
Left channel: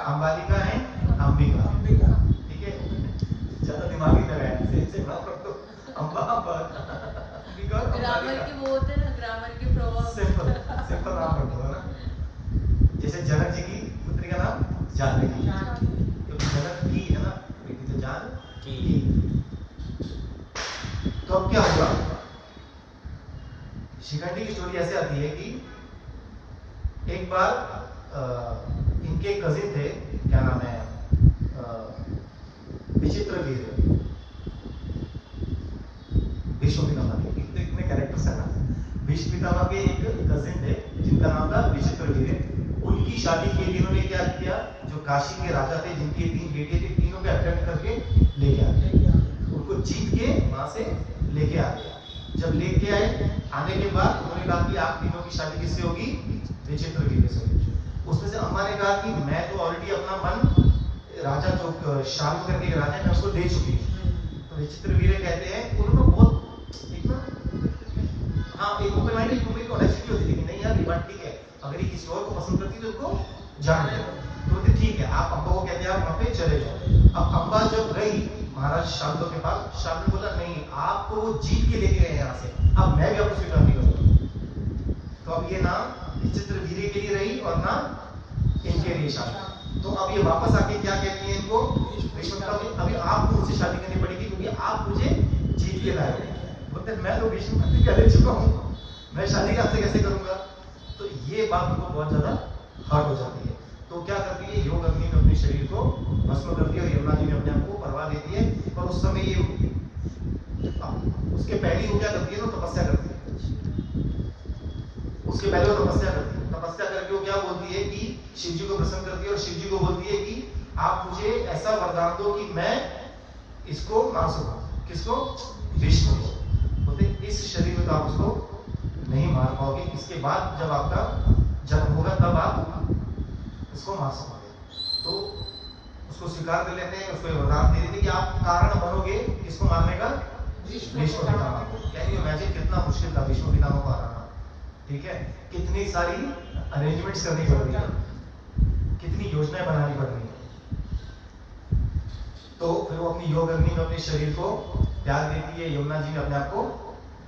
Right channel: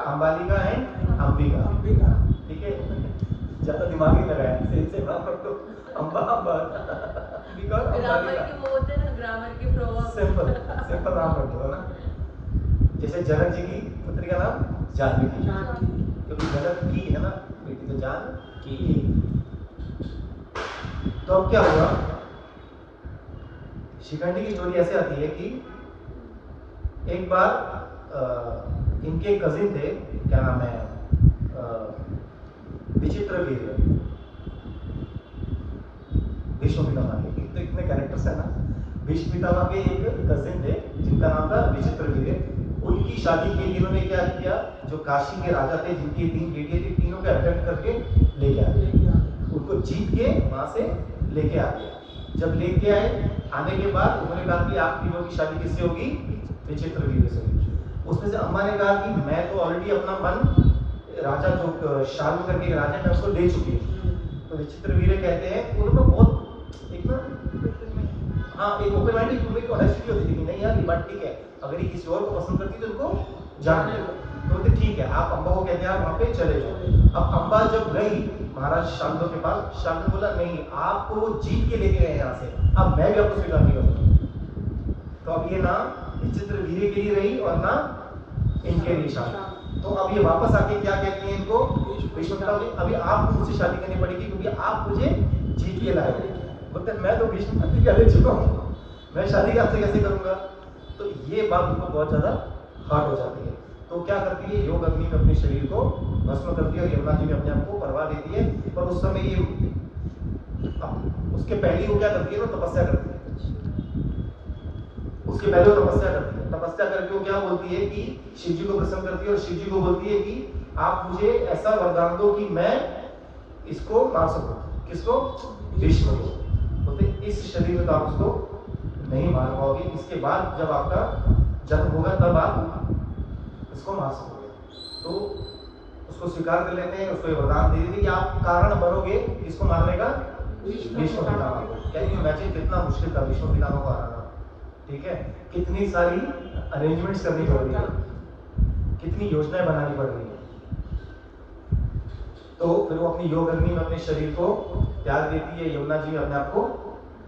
अंबालिका एंड अंबिका। ठीक है, ज्यादा दिमाग नहीं लगाया, से नाम रख दो। अंबा अंबिका और ग्रामर के वो होते हैं ना, ग्रामर के प्रभाव। सिंपल नाम रख दो ना। जैसे जनक जी की पुत्री का नाम जानकी, क्योंकि जनक की है ना बेटी, तो जानकी। तो अब क्या हुआ? शिखंडी की स्टोरी ऐसे आती है कि एक बार इनके कजिन थे, क्या नाम है, विचित्रवीर्य, भीष्म पितामह के, तो इतने कैरेक्टर्स है ना। भीष्म पितामह के एक कजिन थे जिनका नाम था विचित्रवीर्य। उनकी शादी के लिए उन्होंने क्या किया, जो काशी के राजा थे जिनकी 3 बेटियां थी, तीनों को अबडक्ट करके लेके आ गए, उनको जीत के वहां से लेके आ गए। जब लेके आए, आने के बाद उन्होंने कहा कि आप तीनों की शादी किससे होगी, विचित्रवीर्य से होगी। उसमें से अम्मा ने कहा कि मैं तो ऑलरेडी अपना मन राजा जो शाल्व करके एक राजा, मैं उसको दे चुकी हूँ। तो विचित्रवीर्य कहते हैं, उन्होंने बहुत एक ना, हाँ, एक ओपन माइंडेड एक ऑनेस्टी होती है कि नहीं यार ये बात ठीक है, अगर ये किसी और को पसंद करती है तो उनको जान दे। तो बोलते ठीक है, आप अम्बा को कहते हैं आप वहाँ पे चले जाओ। अब अम्बा जब गई महाराज शांतनु के पास, शांतनु बोला नहीं, आपको जीत के लेके गए यहाँ से, अब मैं भी आपको स्वीकार नहीं करूँगा। तो अब ये ना विचित्रवीर्य के लिए रही और ना इनके लिए शांति। तो अब ये वापस आके क्या कहती हैं इनको, भीष्म पितामह, अभी आपको मुझसे शादी करनी पड़ेगी क्योंकि आप मुझे जीत के लाए हो। बोलते मैं तो भीष्म प्रतिज्ञा ले चुका हूँ, मैं शादी आपसे कैसे करूंगा। तो ये बात उनको बहुत ज्यादा हार्ड हो जाती है। तो क्या करती है, योग अग्नि में अपने शरीर को भस्म करती है और यमुना जी में अपने आप को परवा देती है। पर उस समय ये उसके पहले वो क्या करती है ना, तपस्या करती है। उसके पहले वो तपस्या करती है, तपस्या करके वो क्या बोलती है कि शिव जी को प्रसन्न करती है और शिव जी को बोलती है कि आप मुझे ऐसा वरदान दो कि मैं इसको मार सकूं। किसको, भीष्म को। बोलते इस शरीर में तो आप उसको नहीं मार पाओगे, इसके बाद जब आपका जन्म होगा तब आप इसको मार सकोगे। तो उसको स्वीकार कर लेते हैं, उसको वरदान दे देते कि आप कारण बनोगे इसको मारने का, भीष्म पितामह को। कैन यू इमेजिन कितना मुश्किल था भीष्म पितामह को हराना। ठीक है, कितनी सारी अरेंजमेंट्स करनी पड़ रही है, कितनी योजनाएं बनानी पड़ रही है। तो फिर वो अपनी योग अग्नि में अपने शरीर को त्याग देती है, यमुना जी में अपने आप को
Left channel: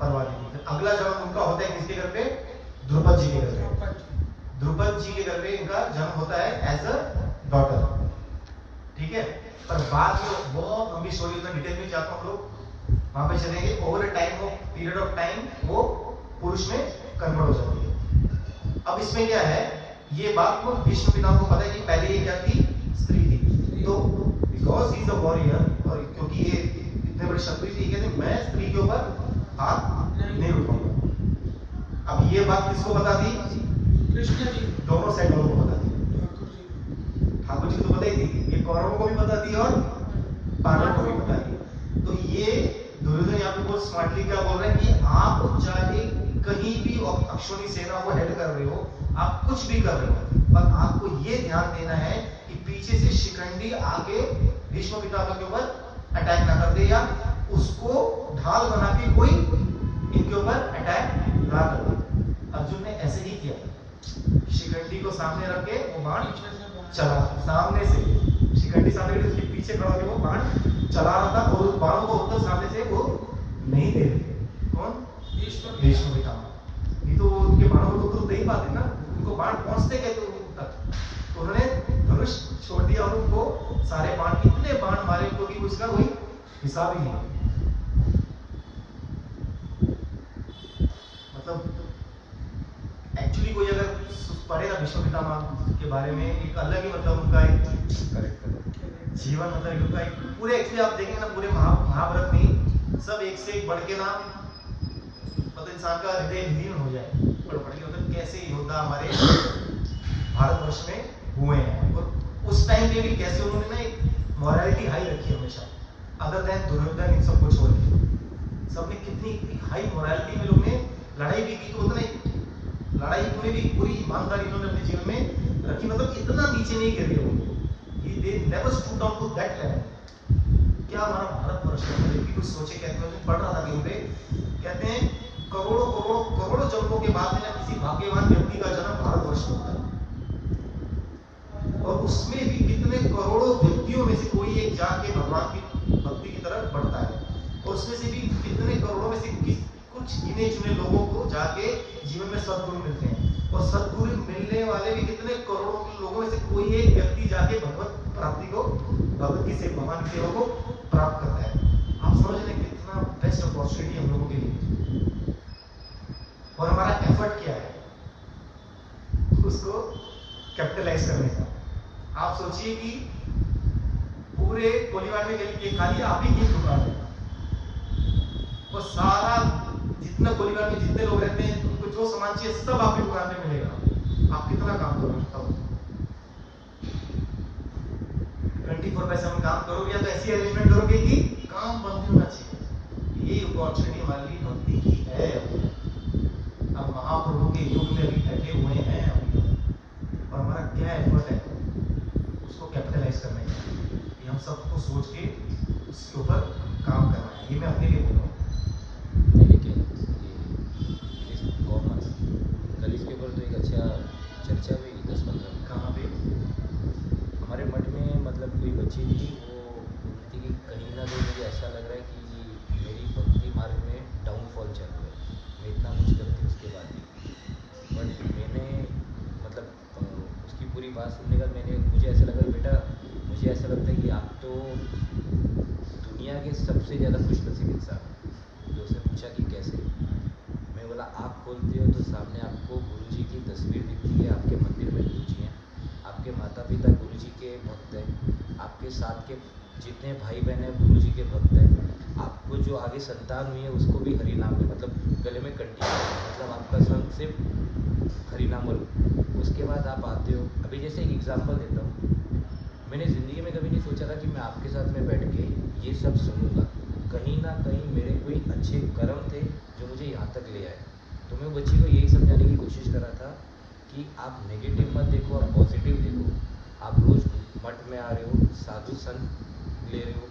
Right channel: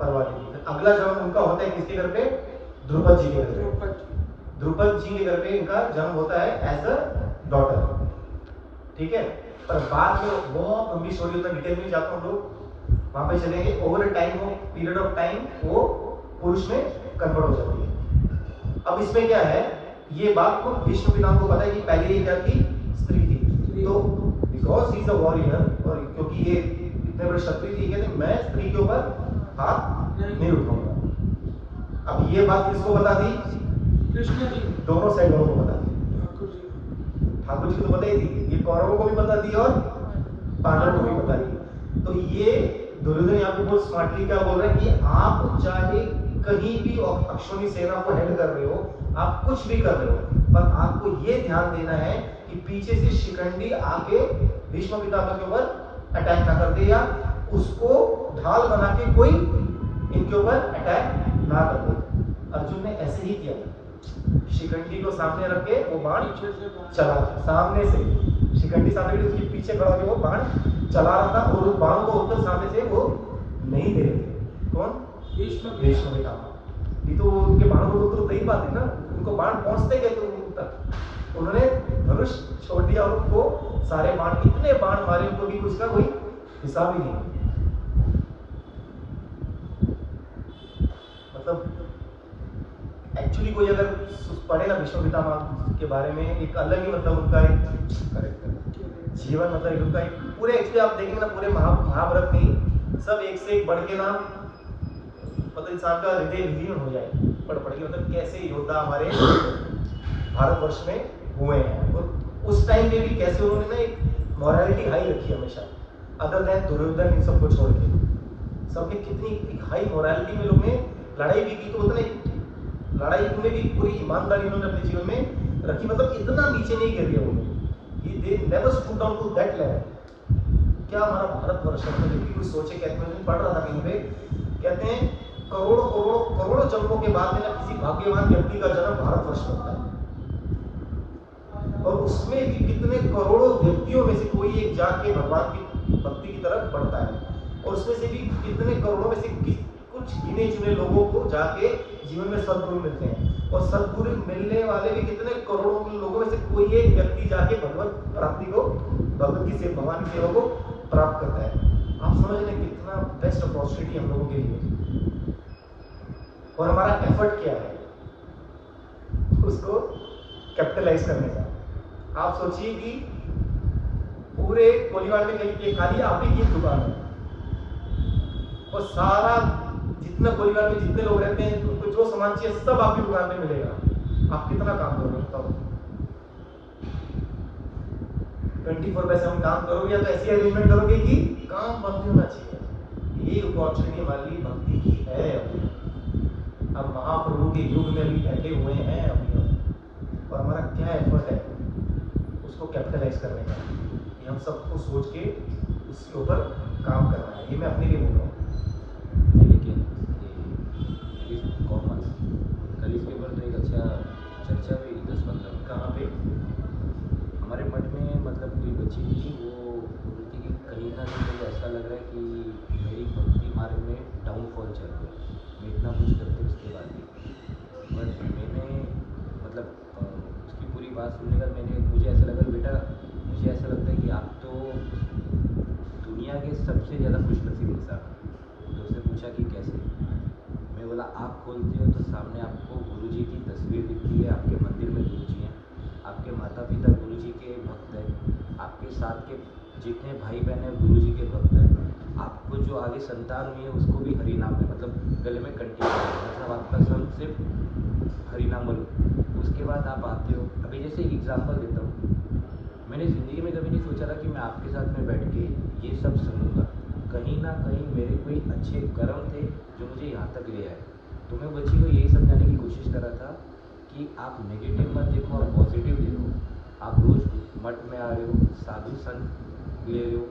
परवा देती है। फिर अगला जन्म उनका होता है किसके घर पे, द्रुपद जी के घर पे। द्रुपद जी के घर पे इनका जन्म होता है एज अ डॉटर। ठीक है, पर बाद में बहुत लंबी स्टोरी होता है, डिटेल में जाता हूँ, लोग वहां पे चलेंगे। ओवर अ टाइम, वो पीरियड ऑफ टाइम वो पुरुष में कन्वर्ट हो जाती है। अब इसमें क्या है, ये बात को भीष्म पितामह को पता है कि पहले ये क्या थी, स्त्री थी। तो because he is a warrior, और क्योंकि ये इतने बड़े क्षत्रिय थी, कहते मैं स्त्री के ऊपर हाथ नहीं उठाऊंगा। अब ये बात किसको बता दी, कृष्ण जी, दोनों साइड वालों को बता दी। ठाकुर जी, ठाकुर जी को तो पता ही थी, ये कौरवों को भी पता दी और पांडवों को भी पता दी। तो ये दुर्योधन यहाँ पे बहुत स्मार्टली क्या बोल रहे हैं कि आप चाहे कहीं भी अश्वनी सेना को हेड कर रहे हो, आप कुछ भी कर रहे हो, पर आपको ये ध्यान देना है कि पीछे से शिखंडी आके भीष्म पितामह के ऊपर अटैक ना कर दे, या उसको ढाल बना के कोई इनके ऊपर अटैक ना कर दे। अर्जुन ने ऐसे ही किया, शिखंडी को सामने रख के वो बाण पीछे से बाण। चला, सामने से शिखंडी सामने उसके पीछे खड़ा होकर वो बाण चला रहा था, और उस बाण को उत्तर सामने से वो नहीं दे रहे थे। कौन, भीष्म पितामह। नहीं तो वो उनके बाणों को उत्तर दे ही पाते ना, उनको बाण पहुंचते कहते उन तक। तो उन्होंने धनुष छोड़ दिया और उनको सारे बाण, इतने बाण मारे उनको कि उसका कोई हिसाब ही नहीं। मतलब एक्चुअली कोई अगर पढ़े ना भीष्म पितामह के बारे में, एक अलग ही मतलब उनका एक जीवन, मतलब उनका एक पूरे, एक्चुअली आप देखेंगे ना पूरे महाभारत में सब एक से एक बढ़ के ना, मतलब इंसान का हृदय विलीन हो जाए पढ़ के, मतलब कैसे योद्धा हमारे भारतवर्ष में हुए हैं। और उस टाइम पे भी कैसे उन्होंने ना एक मॉरलिटी हाई रखी हमेशा, अदर देन दुर्योधन इन सबको छोड़ के। सबने कितनी एक हाई मॉरलिटी में लोग ने लड़ाई भी की, तो उतना लड़ाई में भी पूरी ईमानदारी उन्होंने अपने जीवन में रखी, मतलब इतना नीचे नहीं गिर गए वो लोग, ये they never stood down to that level. क्या हमारा भारतवर्ष है, मतलब कि कुछ सोचे, कहते हैं पढ़ रहा था कहीं पे, कहते हैं करोड़ों करोड़ों करोड़ों जन्मों के बाद में ना किसी भाग्यवान व्यक्ति का जन्म भारतवर्ष में होता है, और उसमें भी कितने करोड़ों व्यक्तियों में से कोई एक जाके भगवान की भक्ति की तरफ बढ़ता है, और उसमें से भी कितने करोड़ों में से कुछ गिने चुने लोगों को जाके जीवन में सद्गुरु मिलते हैं, और सद्गुरु मिलने वाले भी कितने करोड़ों लोगों में से कोई एक व्यक्ति जाके भगवत प्राप्ति को, भगवत की सेवा, भगवान की सेवा को प्राप्त करता है। आप समझ रहे कितना बेस्ट अपॉर्चुनिटी हम लोगों के लिए, और हम एफर्ट किया है उसको कैपिटलाइज करने का। आप सोचिए कि पूरे कोलीवाड़ में गली खाली आप ही की दुकान है और सारा जितना कोलीवाड़ में जितने लोग रहते हैं उनको जो सामान चाहिए सब आपकी दुकान पे मिलेगा। आप कितना काम करोगे बताओ? 24/7 काम करोगे या तो ऐसी अरेंजमेंट करोगे कि काम बंद होना चाहिए। ये अपॉर्चुनिटी हमारे लिए भक्ति की है। अब महाप्रभु के युग में अभी बैठे हुए हैं अभी और हमारा क्या एफर्ट है उसको कैपिटलाइज करने का। ये हम सबको सोच के उसके ऊपर काम करना है। ये मैं अपने लिए बोल रहा हूँ। लेकिन कल इसके ऊपर तो एक अच्छा चर्चा हुई 10-15 कहाँ पे? हमारे मठ में मतलब कोई बच्ची थी, वो बोलती कि कहीं ना कहीं मुझे ऐसा लग रहा है कि मेरी भक्ति मार्ग में डाउनफॉल चल रहा है। मैं इतना कुछ करते उसके बाद भी, बट मैंने मतलब उसकी पूरी बात सुनने का मुझे ऐसा लगा, बेटा मुझे ऐसा लगता है कि आप तो दुनिया के सबसे ज़्यादा खुशनसीब इंसान हो। तो उसने पूछा कि कैसे? मैं बोला आप खोलते हो तो सामने आपको गुरु जी की तस्वीर दिखती है, आपके मंदिर में गुरु जी हैं, आपके माता पिता गुरु जी के भक्त हैं, आपके साथ के जितने भाई बहन हैं गुरु जी के भक्त हैं, आपको जो आगे संतान हुई है उसको भी हरि नाम में मतलब गले में कंठी है, मतलब आपका सब सिर्फ हरि नाम लो। उसके बाद आप आते हो। अभी जैसे एक एग्जाम्पल देता हूँ, मैंने ज़िंदगी में कभी नहीं सोचा था कि मैं आपके साथ में बैठ के ये सब सुनूंगा। कहीं ना कहीं मेरे कोई अच्छे कर्म थे जो मुझे यहाँ तक ले आए। तो मैं बच्ची को यही समझाने की कोशिश कर रहा था कि आप नेगेटिव मत देखो, आप पॉजिटिव देखो। आप रोज मठ में आ रहे हो, साधु संग ले रहे हो,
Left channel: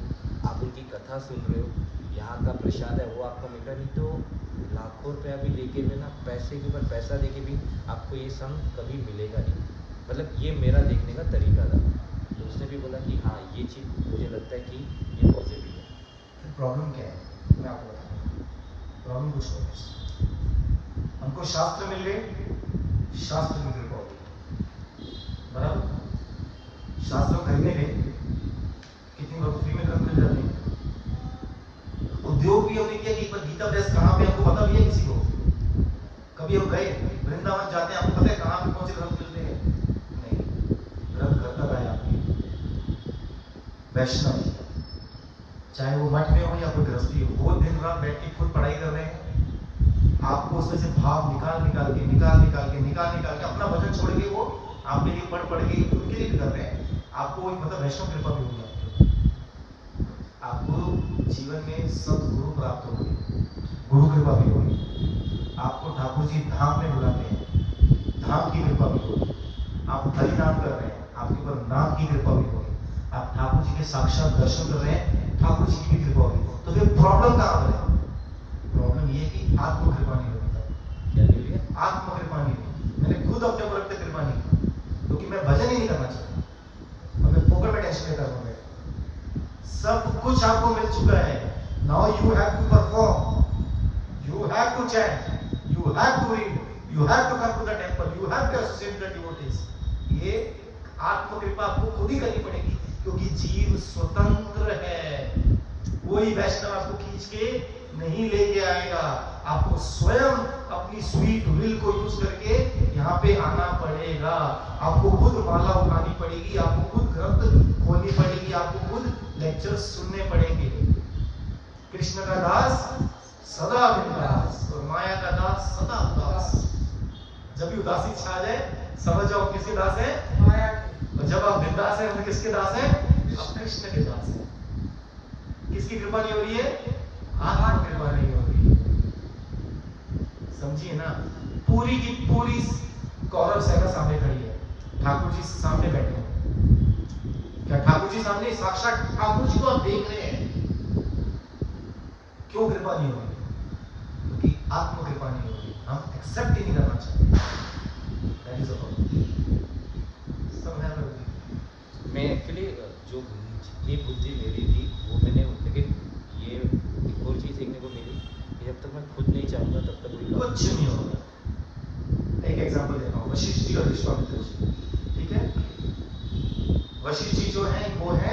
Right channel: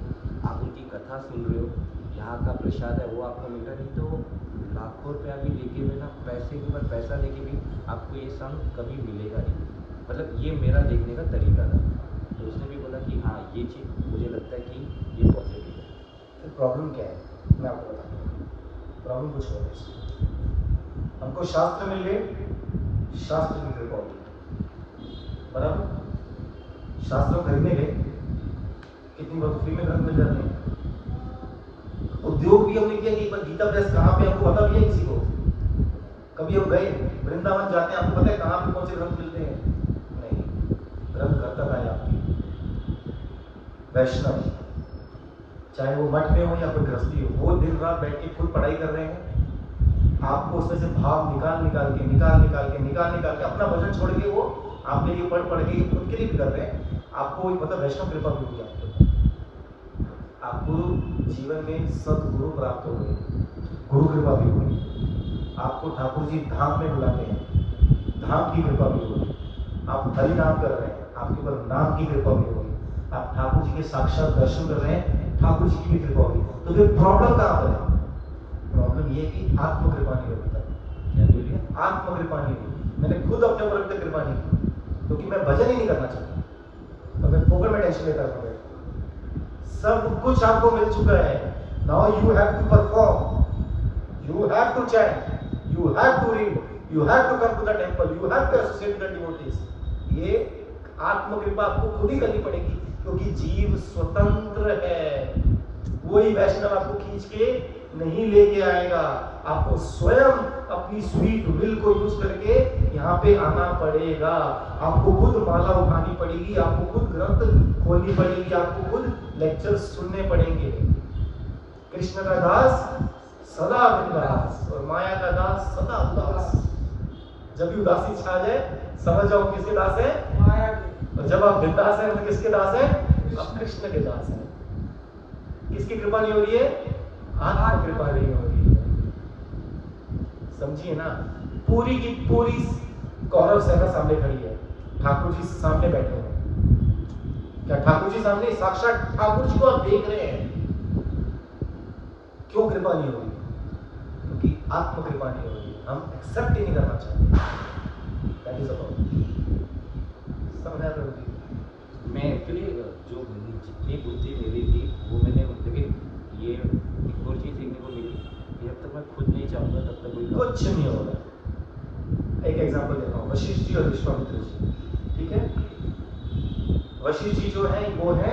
आप उनकी कथा सुन रहे हो, यहाँ का प्रसाद है वो आपको मिल रहा, नहीं तो लाखों रुपया भी देके भी ना, पैसे के ऊपर पैसा देके भी आपको ये संग कभी मिलेगा नहीं। मतलब ये मेरा देखने का तरीका था। तो उसने भी बोला कि हाँ ये चीज़ मुझे लगता है कि ये पॉजिटिव है। फिर प्रॉब्लम क्या है मैं आपको बताता हूँ। प्रॉब्लम कुछ और है। हमको शास्त्र मिल गए, शास्त्र की कृपा होगी, बराबर। शास्त्र खरीदने गए, कितनी बार तो फ्री में ग्रंथ मिल जाते हैं। उद्योग भी हमने किया कि एक बार गीता प्रेस कहाँ पे हमको पता भी है किसी को? कभी हम गए वृंदावन जाते हैं, आपको पता है कहाँ पे कौन से ग्रंथ मिलते हैं? नहीं, ग्रंथ घर तक आए आपके। वैष्णव चाहे वो मठ में हो या कोई गृहस्थी हो, वो दिन रात बैठ के खुद पढ़ाई कर रहे हैं। आपको उसमें से भाव निकाल के अपना वजन छोड़ के वो आपके लिए पढ़ के खुद के लिए भी कर रहे हैं। आपको मतलब वैष्णव कृपा भी होगी आपके ऊपर। आपको जीवन में सदगुरु प्राप्त होगी, गुरु कृपा भी होगी। आपको ठाकुर जी धाम में बुलाते हैं, धाम की कृपा भी होगी। आप हरि नाम कर रहे हैं, आपके ऊपर नाम की कृपा भी होगी। आप ठाकुर जी के साक्षात दर्शन कर रहे हैं, ठाकुर जी की भी कृपा होगी। तो फिर प्रॉब्लम कहाँ पर है? प्रॉब्लम ये है कि आत्म कृपा नहीं होगी। तब क्या नहीं है? आत्म कृपा नहीं होगी। मैंने खुद अपने ऊपर अपने कृपा नहीं की, क्योंकि मैं भजन ही नहीं करना चाहता और मैं फोकट में टेंशन लेता रहता हूँ। सब कुछ आपको मिल चुका है। Now you have to perform, you have to chant, you have to read, you have to come to the temple, you have to associate with the devotees. ये आत्म कृपा आपको खुद ही करनी पड़ेगी, क्योंकि जीव स्वतंत्र है। कोई वैष्णव आपको खींच के नहीं लेके आएगा। आपको स्वयं अपनी स्वीट विल को यूज करके यहाँ पे आना पड़ेगा। आपको खुद माला उठानी पड़ेगी, आपको खुद ग्रंथ खोलनी पड़ेगी, आपको खुद लेक्चर सुनने पड़ेंगे। कृष्ण का दास सदा बिंदास और माया का दास सदा उदास। जब भी उदासी छा जाए समझ जाओ किसके दास है? माया के। और जब आप बिंदास हैं तो किसके दास हैं? आप कृष्ण के दास हैं। किसकी कृपा नहीं हो रही है? आत्म कृपा नहीं हो रही है। समझिए ना, पूरी की पूरी कौरव सेना सामने खड़ी है, ठाकुर जी सामने बैठे हैं। क्या ठाकुर जी सामने? साक्षात ठाकुर जी को आप देख रहे हैं। क्यों कृपा नहीं हो रही? क्योंकि आत्म कृपा नहीं हो रही। हम एक्सेप्ट ही नहीं करना चाहते। That is about. समझ आया प्रभु जी? मैं एक्चुअली जो जितनी बुद्धि मेरी थी वो मैंने, लेकिन ये एक और चीज़ देखने को मिली कि जब तक मैं खुद नहीं चाहूँगा तब तक कोई कुछ नहीं होगा। एक एग्जांपल देता हूँ, वशिष्ठ जी और विश्वामित्र जी, ठीक है? वशिष्ठ जी जो है वो है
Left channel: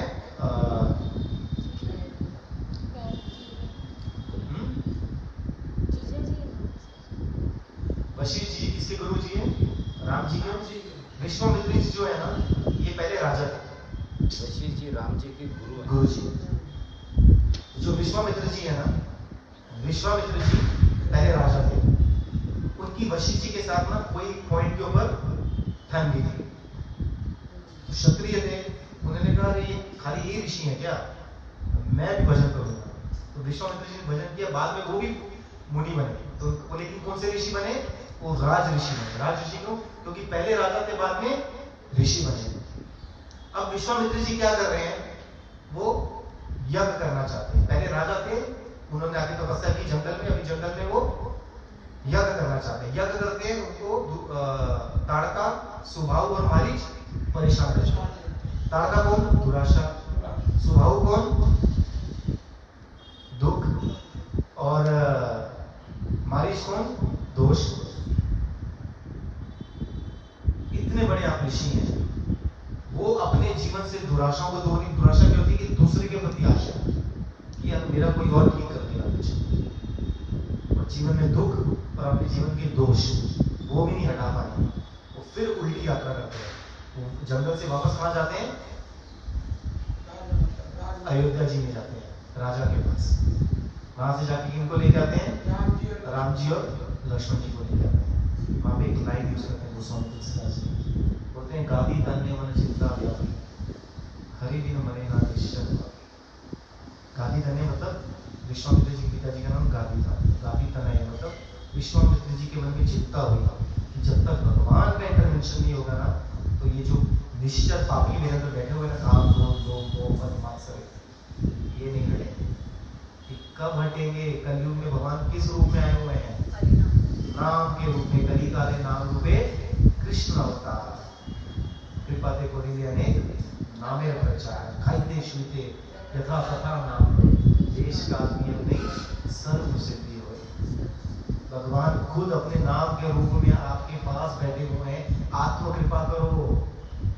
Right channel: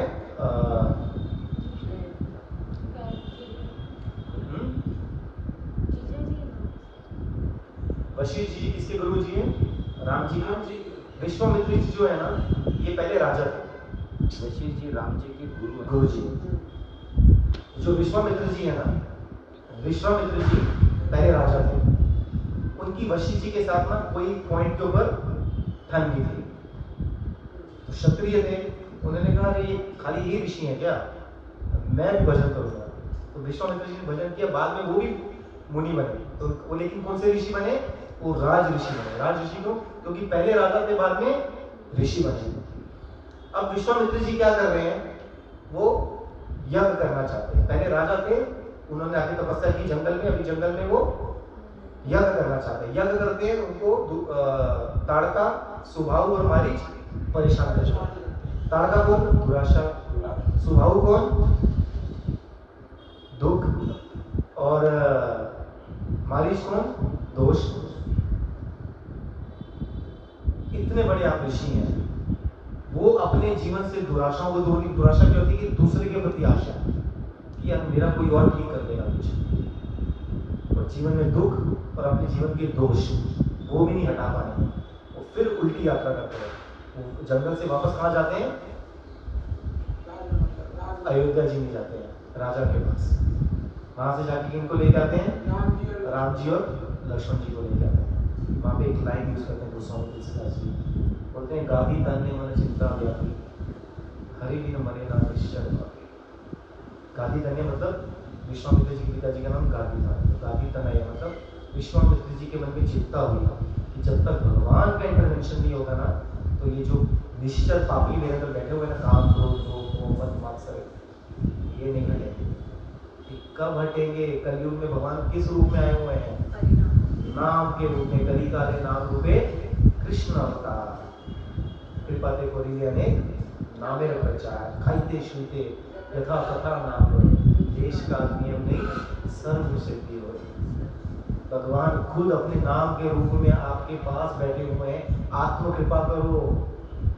वशिष्ठ जी किसके गुरु जी हैं? राम जी के। विश्वामित्र जी जो है ना, ये पहले राजा थे। वशिष्ठ जी राम जी के गुरु हैं। गुरु जी जो विश्वामित्र जी है ना, विश्वामित्र जी पहले राजा थे। उनकी वशिष्ठ जी के साथ ना कोई पॉइंट के ऊपर ठन नहीं थी। तो क्षत्रिय थे, उन्होंने कहा अरे ये खाली ये ऋषि है क्या, मैं भी भजन करूंगा। तो विश्वामित्र जी ने भजन किया, बाद में वो भी मुनि बने। तो वो लेकिन कौन से ऋषि बने? वो राज ऋषि बने। राज ऋषि को क्योंकि पहले राजा थे, बाद में ऋषि बने। अब विश्वामित्र जी क्या कर रहे हैं? वो यज्ञ करना चाहते हैं। पहले राजा थे, उन्होंने आके तपस्या की जंगल में, अभी जंगल में वो यज्ञ करना चाहते हैं। यज्ञ करते हैं, उनको ताड़का, सुबाहु और मारीच परेशान करते हैं। ताड़का कौन? दुराशा। सुबाहु कौन? दुख। और मारीच कौन? दोष। इतने बड़े आप ऋषि हैं, वो अपने जीवन से दुराशाओं को दूर नहीं। दुराशा क्या होती है? कि दूसरे के प्रति आशा कि यार मेरा कोई और ठीक कर देगा कुछ, और जीवन में दुख और अपने जीवन के दोष वो भी नहीं हटा पाए। वो फिर उल्टी यात्रा करते हैं। वो जंगल से वापस कहाँ जाते हैं? अयोध्या जी में जाते हैं, राजा के पास। वहां से जाके इनको लेके आते हैं, राम जी और लक्ष्मण जी को लेके आते हैं। वहां पे एक लाइन यूज करते हैं दूसरा तुलसीदास जी, बोलते हैं गादी तन्ने मन चिंता व्यापी, हरि बिन मरे ना निश्चर पापी। गादी तन्ने मतलब विश्वामित्र जी के पिताजी का नाम गादी था। गादी तनय मतलब विश्वामित्र जी के मन में चिंता हुई कि जब तक भगवान का इंटरवेंशन नहीं होगा ना, तो ये जो निश्चर पापी मेरे अंदर बैठे हुए ना, काम क्रोध मोह मद मात्सर्य, ये नहीं हटेंगे। ये कब हटेंगे? कलयुग में भगवान किस रूप में आए हुए हैं? नाम के रूप में। कली काले नाम रूपे कृष्ण अवतार, कृपा ते कोरी अनेक नामे प्रचार, खाइते शुते यथा तथा नाम लो, देश का नियम नहीं सर्व सिद्धि होए। भगवान खुद अपने नाम के रूप में आपके पास बैठे हुए हैं। आत्म कृपा करो।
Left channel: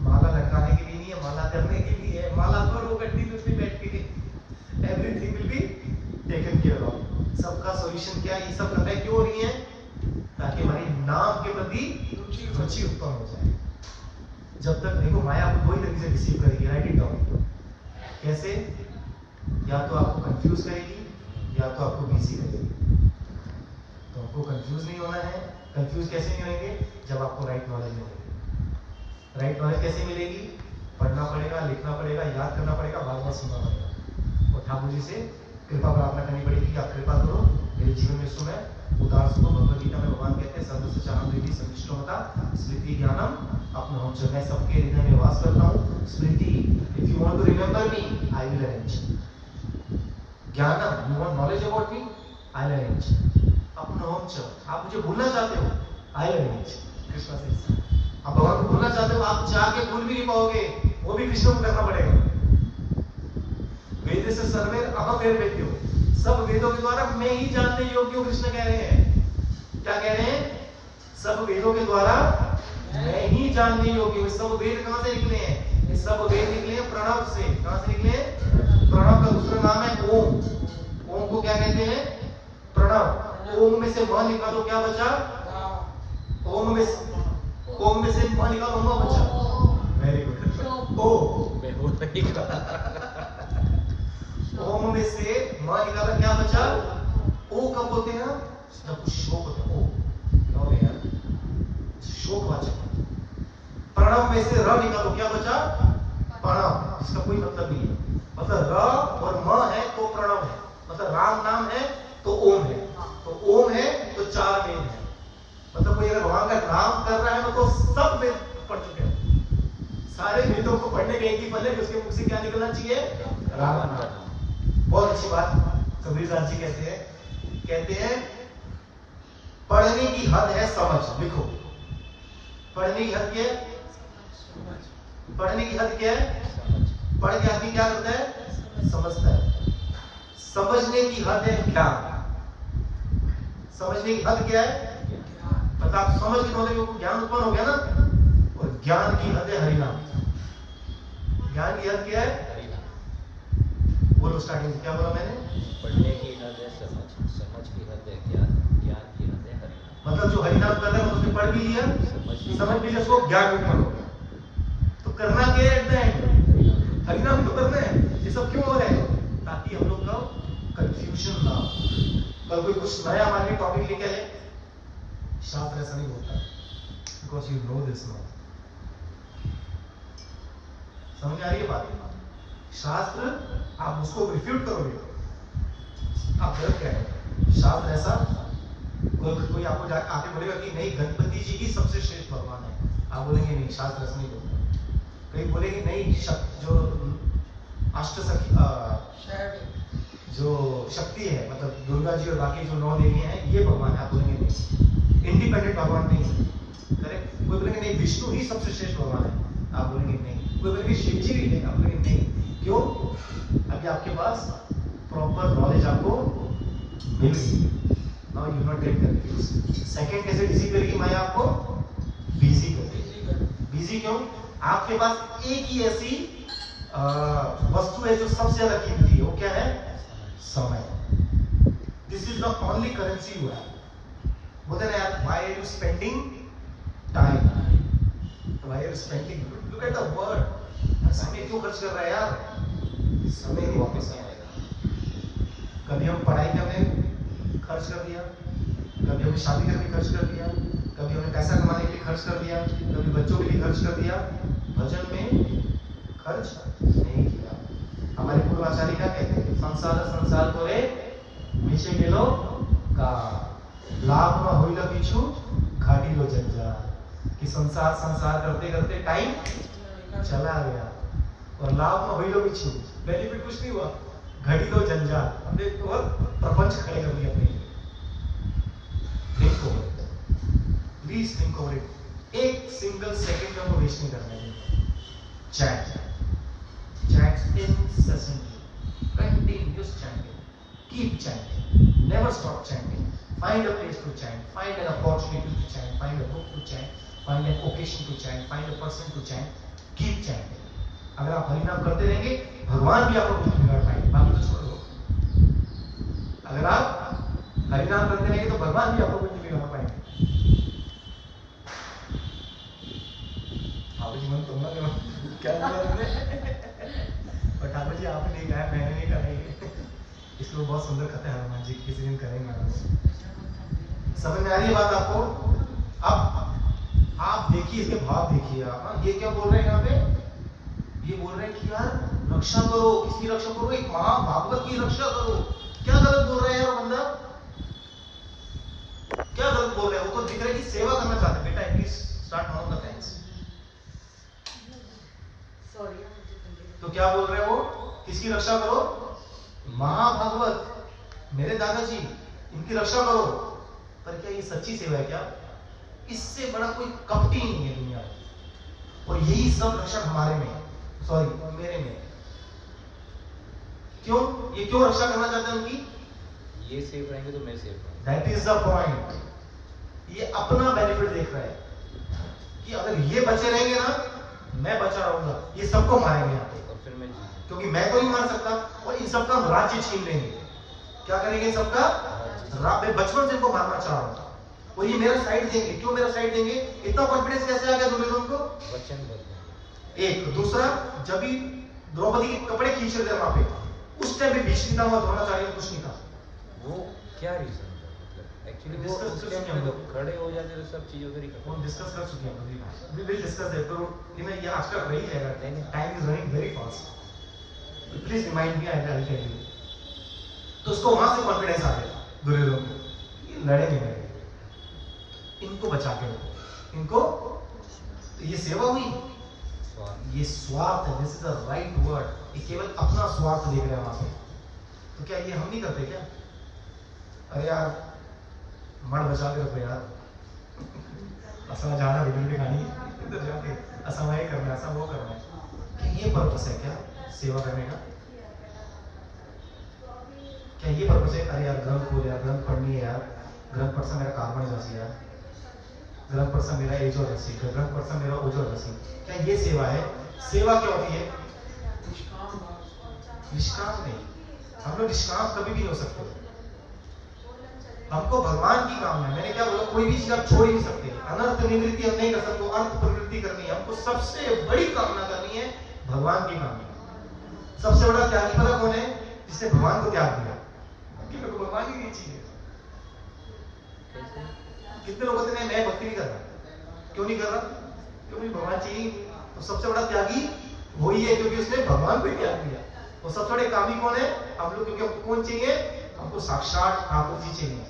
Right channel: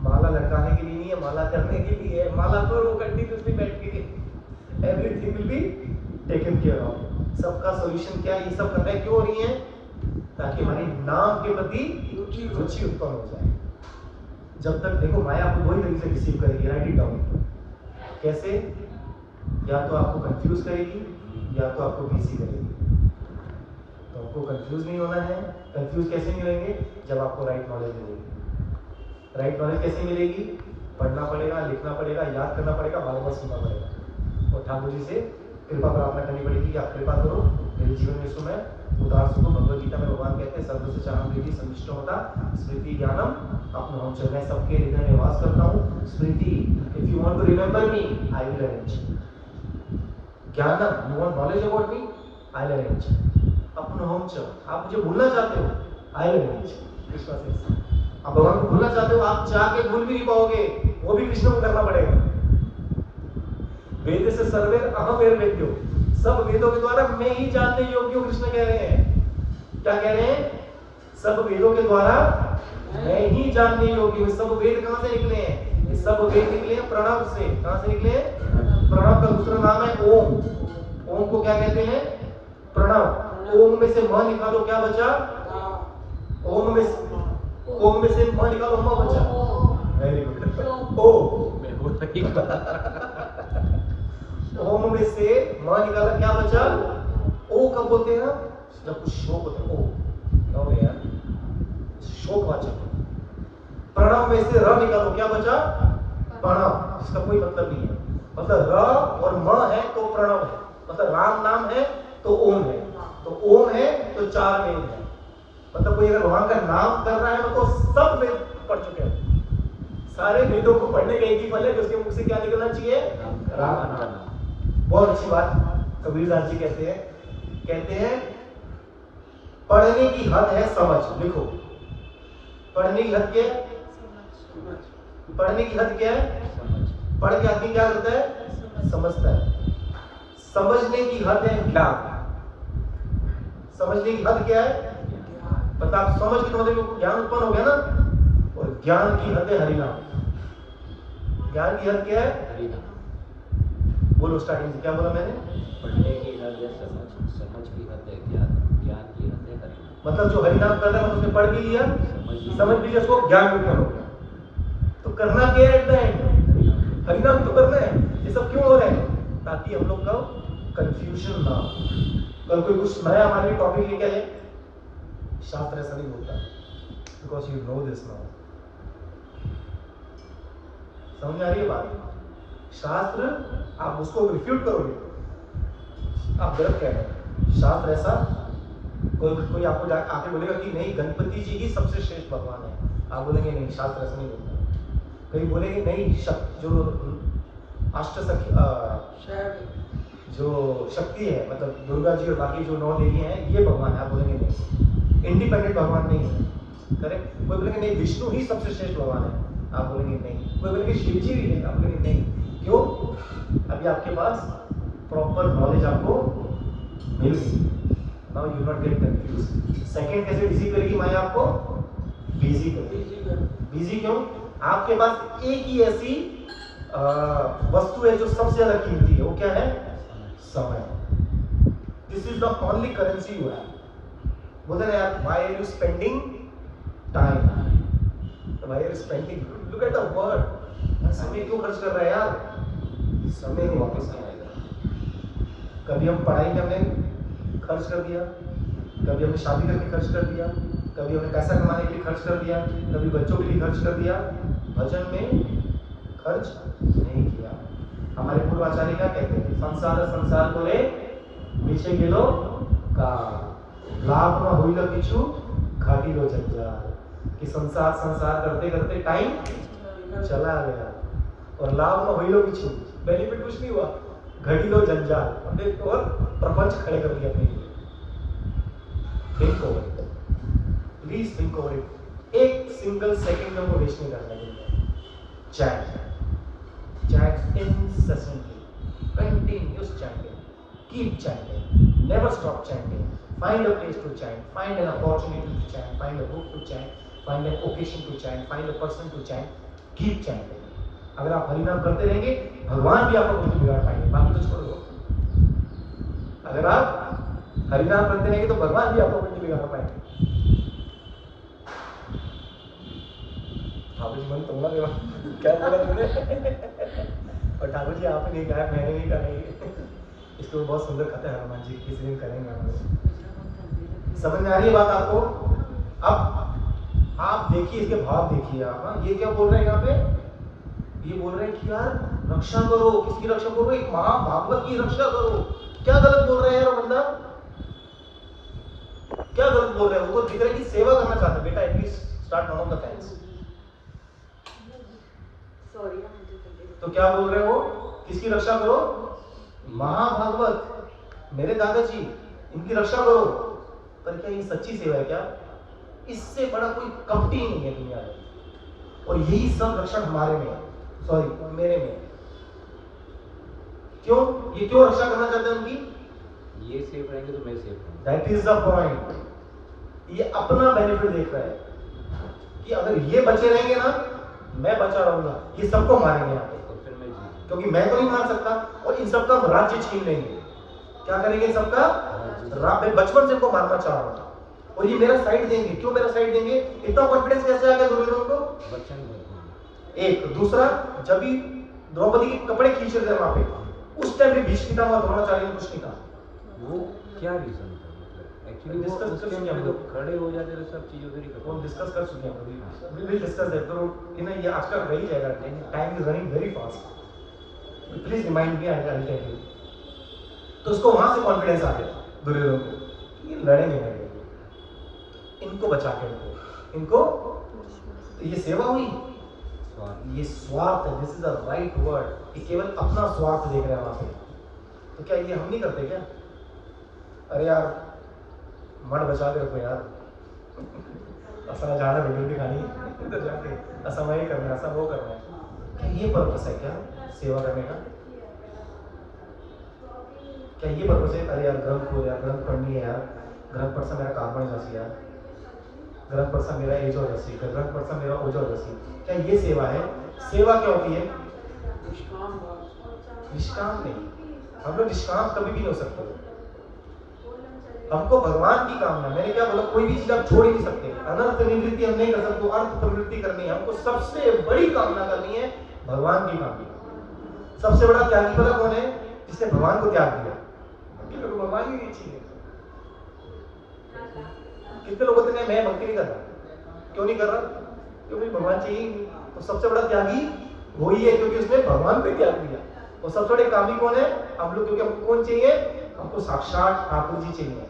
माला लटकाने के लिए नहीं है, माला करने के लिए है। माला करो कंटिन्यूसली बैठ के, everything will be taken care of. सबका सॉल्यूशन क्या है? ये सब कर रहे क्यों हो रही है? ताकि हमारी नाम के प्रति रुचि उत्पन्न हो जाए। जब तक देखो, माया आपको दो ही तरीके से रिसीव करेगी, राइट इट डाउन। कैसे? या तो आपको कंफ्यूज करेगी, या तो आपको बिजी करेगी। तो आपको कंफ्यूज नहीं होना है। कंफ्यूज कैसे नहीं होंगे? जब आपको राइट नॉलेज मिलेगी। राइट नॉलेज कैसे मिलेगी? पढ़ना पड़ेगा, लिखना पड़ेगा, याद करना पड़ेगा, बार बार सुनना पड़ेगा, और ठाकुर जी से कृपा प्रार्थना करनी पड़ेगी कि आप कृपा करो मेरे जीवन में। सुने उदार सुनो। भगवद गीता में भगवान कहते हैं सर्वस्य चाहम देवी संविष्टो होता स्मृति ज्ञानम अपने हम मैं सबके हृदय में वास करता हूँ। स्मृति, if you want to remember me I will arrange. ज्ञानम, you want knowledge about me I will arrange. अपने हम च, आप मुझे भूलना चाहते हो आई विल अरेंज। कृष्णा से आप भगवान को भूलना चाहते हो, आप चाह के भूल भी नहीं पाओगे, वो भी कृष्ण को करना पड़ेगा। वेद से सर्वे अहम वेद वेद्यो, सब वेदों के द्वारा मैं ही जानने योग्य हूं। कृष्ण कह रहे हैं, क्या कह रहे हैं? सब वेदों के द्वारा मैं ही जानने योग्य हूं। सब वेद कहां से निकले हैं? ये सब वेद निकले हैं प्रणव से। कहां से निकले हैं? प्रणव का दूसरा नाम है ओम। ओम को क्या कहते हैं? प्रणव। ओम में से म निकालो, क्या बचा? ओम में से म निकालो, म बचा। Very good. ओ ओम में से म निकाला, क्या बचा? ओ कब होते हैं? जब कुछ शोक होता है। ओ क्या हो गया यार? शोकवाचक। प्रणव में से र निकालो, क्या बचा? प्रणव, जिसका कोई मतलब नहीं है। मतलब र और म है तो प्रणव है, मतलब राम नाम है तो ओम है, तो ओम है तो चार वेद है। मतलब कोई अगर भगवान का नाम कर रहा है तो सब वेद पढ़ चुके हैं। सारे वेदों को पढ़ने का एक ही फल है कि उसके मुख से क्या निकलना चाहिए? राम नाम। बहुत अच्छी बात कबीरदास जी कहते हैं पढ़ने की हद है समझ। लिखो, पढ़ने की हद क्या है? पढ़ने की हद क्या है? पढ़ के आदमी क्या करता है? समझता है। समझने की हद है ज्ञान। समझने की हद क्या है? मतलब आप समझ के मतलब ज्ञान उत्पन्न हो गया ना, और ज्ञान की हद है हरिनाम। ज्ञान की हद क्या है? बोलो स्टार्टिंग से, क्या बोला मैंने? पढ़ने की हद है समझ, समझ की हद है ज्ञान, ज्ञान की हद है हरिनाम। मतलब जो हरिनाम कर रहे हैं मतलब उसने पढ़ भी लिया, समझ भी लिया, उसको ज्ञान भी उत्पन्न हो गया। तो करना क्या है एट द एंड? हरिनाम तो करना है। ये सब क्यों हो रहा है? ताकि हम लोग का कंफ्यूजन ना हो। कल कोई कुछ नया हमारे लिए टॉपिक लेके आए, शास्त्र ऐसा नहीं बोलता, because you know this now. समझ में आ रही है बात? शास्त्र आप उसको रिफ्यूट करोगे, आप गलत कह रहे हो। शास्त्र ऐसा कोई आपको आके बोलेगा कि नहीं गणपति जी ही सबसे श्रेष्ठ भगवान है, आप बोलेंगे नहीं शास्त्र ऐसा नहीं बोलता। कहीं बोलेंगे नहीं जो अष्ट सखी जो शक्ति है मतलब दुर्गा जी और बाकी जो 9 देवियां हैं ये भगवान है, आप बोलेंगे नहीं इंडिपेंडेंट भगवान नहीं है। करेक्ट? कोई बोलेंगे नहीं विष्णु ही सबसे श्रेष्ठ भगवान है, आप बोलेंगे नहीं। कोई बोलेंगे शिव जी भी है, आप बोलेंगे नहीं। क्यों? अभी आपके पास प्रॉपर नॉलेज आपको मिल गई। Now you not get confuse. Second कैसे बिजी करेगी माया आपको? बिजी करेगी। बिजी क्यों? आपके पास एक ही ऐसी वस्तु है जो सबसे ज्यादा कीमती है, वो क्या है? समय। This is the only currency you have. बोलते ना यार why are you spending time, why are you spending, look at the word. समय क्यों खर्च कर रहा है यार? समय नहीं वापस नहीं आएगा। कभी हम पढ़ाई में हमने खर्च कर दिया, कभी हमने शादी करके खर्च कर दिया, कभी हमने पैसा कमाने के लिए खर्च कर दिया, कभी बच्चों के लिए खर्च कर दिया, भजन में खर्च नहीं किया। हमारे पूर्वाचार्य क्या कहते हैं? संसार बोले पीछे गिलो का लाभ न होइल किछु घाटी लो जंजाल। कि संसार करते करते टाइम चला गया और लाभ न होइल किछु, बेनिफिट कुछ नहीं हुआ, घटी लो जंजाल, हमने और प्रपंच खड़े कर दिया अपने लिए। Think over it, please think over it. एक सिंगल सेकंड में हमको वेस्ट नहीं करना चाहिए। Chat incessantly, continuous chanting, keep chanting, never stop chanting, find a place to chant, find an opportunity to chant, find a book to chant, find an occasion to chant, find a person to chant, keep chanting. अगर आप हरिनाम करते रहेंगे भगवान भी आपका बुद्धि बिगाड़ पाएंगे, बाकी तो छोड़ दो। अगर आप हरिनाम करते रहेंगे तो भगवान भी आपका बुद्धि बिगाड़ पाएंगे। ठाकुर जी मन तुमला देवा क्या बोला तुमने? और ठाकुर जी आपने नहीं कहा, मैंने नहीं कहा। इसको बहुत सुंदर कथा है हनुमान जी की, किसी दिन करेंगे हम लोग। समझ में आ रही है बात आपको? अब आप देखिए इसके भाव देखिए आप। ये क्या बोल रहे हैं यहाँ पे? ये बोल रहे हैं कि यार रक्षा करो। किसकी रक्षा करो? एक महाभागवत की रक्षा करो। क्या गलत बोल रहे हैं यार बंदा? क्या गलत बोल रहे हैं? वो तो दिख रहा है कि सेवा करना चाहते हैं। बेटा at least start one of the fans. तो क्या बोल रहे हो? किसकी रक्षा करो? महाभागवत, मेरे दादाजी, इनकी रक्षा करो। पर क्या ये सच्ची सेवा है क्या? इससे बड़ा कोई कपटी नहीं है दुनिया में। और यही सब रक्षक हमारे में, सॉरी मेरे में। क्यों? ये क्यों रक्षा करना चाहते हैं उनकी? ये सेफ रहेंगे तो मैं सेफ रहूंगा। That is the point. ये अपना बेनिफिट देख रहा है कि अगर ये बचे रहेंगे ना, मैं बचा रहूंगा, ये सबको मारेंगे यहाँ पे, क्योंकि मैं तो नहीं मार सकता। और इन सबका राज्य छीन लेंगे। क्या करेंगे? सबका बचपन से इनको मारना चाह रहा हूं और ये मेरा साइड देंगे। क्यों मेरा साइड देंगे? इतना कॉन्फिडेंस कैसे आ गया दुर्योधन को? एक दूसरा, जब भी द्रौपदी के कपड़े खींच रहे थे वहां पे, उस टाइम भी भीष्म पितामह द्रोणाचार्य ने कुछ नहीं कहा। वो क्या रीजन था? एक्चुअली डिस्कस कर चुके हैं हम लोग, खड़े हो जाते तो सब चीज उधर ही खत्म। हम डिस्कस कर चुके हैं। We will discuss that. तो ये आज का रह जाएगा, time is running very fast. Please remind me, I will tell you. तो उसको वहां से कॉन्फिडेंस आ गया दुर्योधन को, ये लड़ेंगे मेरे लिए, इनको बचा के रखो इनको। तो ये सेवा हुई, ये स्वार्थ है। This is the right word. ये केवल अपना स्वार्थ देख रहे हैं वहां पे। तो क्या ये हम नहीं करते क्या? अरे यार मठ बचा के रखो यार, असा जाना वीडियो दिखानी इधर जाके, ऐसा मैं ही करना है, ऐसा वो करना है। क्या ये पर्पस है क्या सेवा करने का? क्या ये पर्पस है? अरे यार ग्रंथ खोल यार, ग्रंथ पढ़नी है यार, ग्रंथ पढ़ सा मेरा कार्बन जासी यार, ग्रंथ पढ़ सा मेरा एज और जसी, ग्रंथ पढ़ सा मेरा ओज और जसी। क्या ये सेवा है? सेवा क्या होती है? निष्काम नहीं। हम लोग निष्काम कभी भी नहीं हो सकते। हमको भगवान की कामना, मैंने क्या बोला, कोई भी चीज आप छोड़ ही नहीं सकते। अनर्थ निवृत्ति हम नहीं कर सकते, अर्थ प्रवृत्ति करनी है हमको। सबसे बड़ी कामना करनी है भगवान की कामना। सबसे बड़ा त्यागी पता कौन है? जिसने भगवान को त्याग दिया कि मेरे को भगवान ही नहीं चाहिए। कितने लोग होते हैं मैं भक्ति नहीं कर रहा, क्यों नहीं कर रहा? क्योंकि भगवान चाहिए ही नहीं। तो सबसे बड़ा त्यागी वही है, क्योंकि उसने भगवान को त्याग दिया। और सबसे बड़े कामी कौन है? हम लोग, क्योंकि हमको कौन चाहिए? हमको साक्षात ठाकुर जी चाहिए।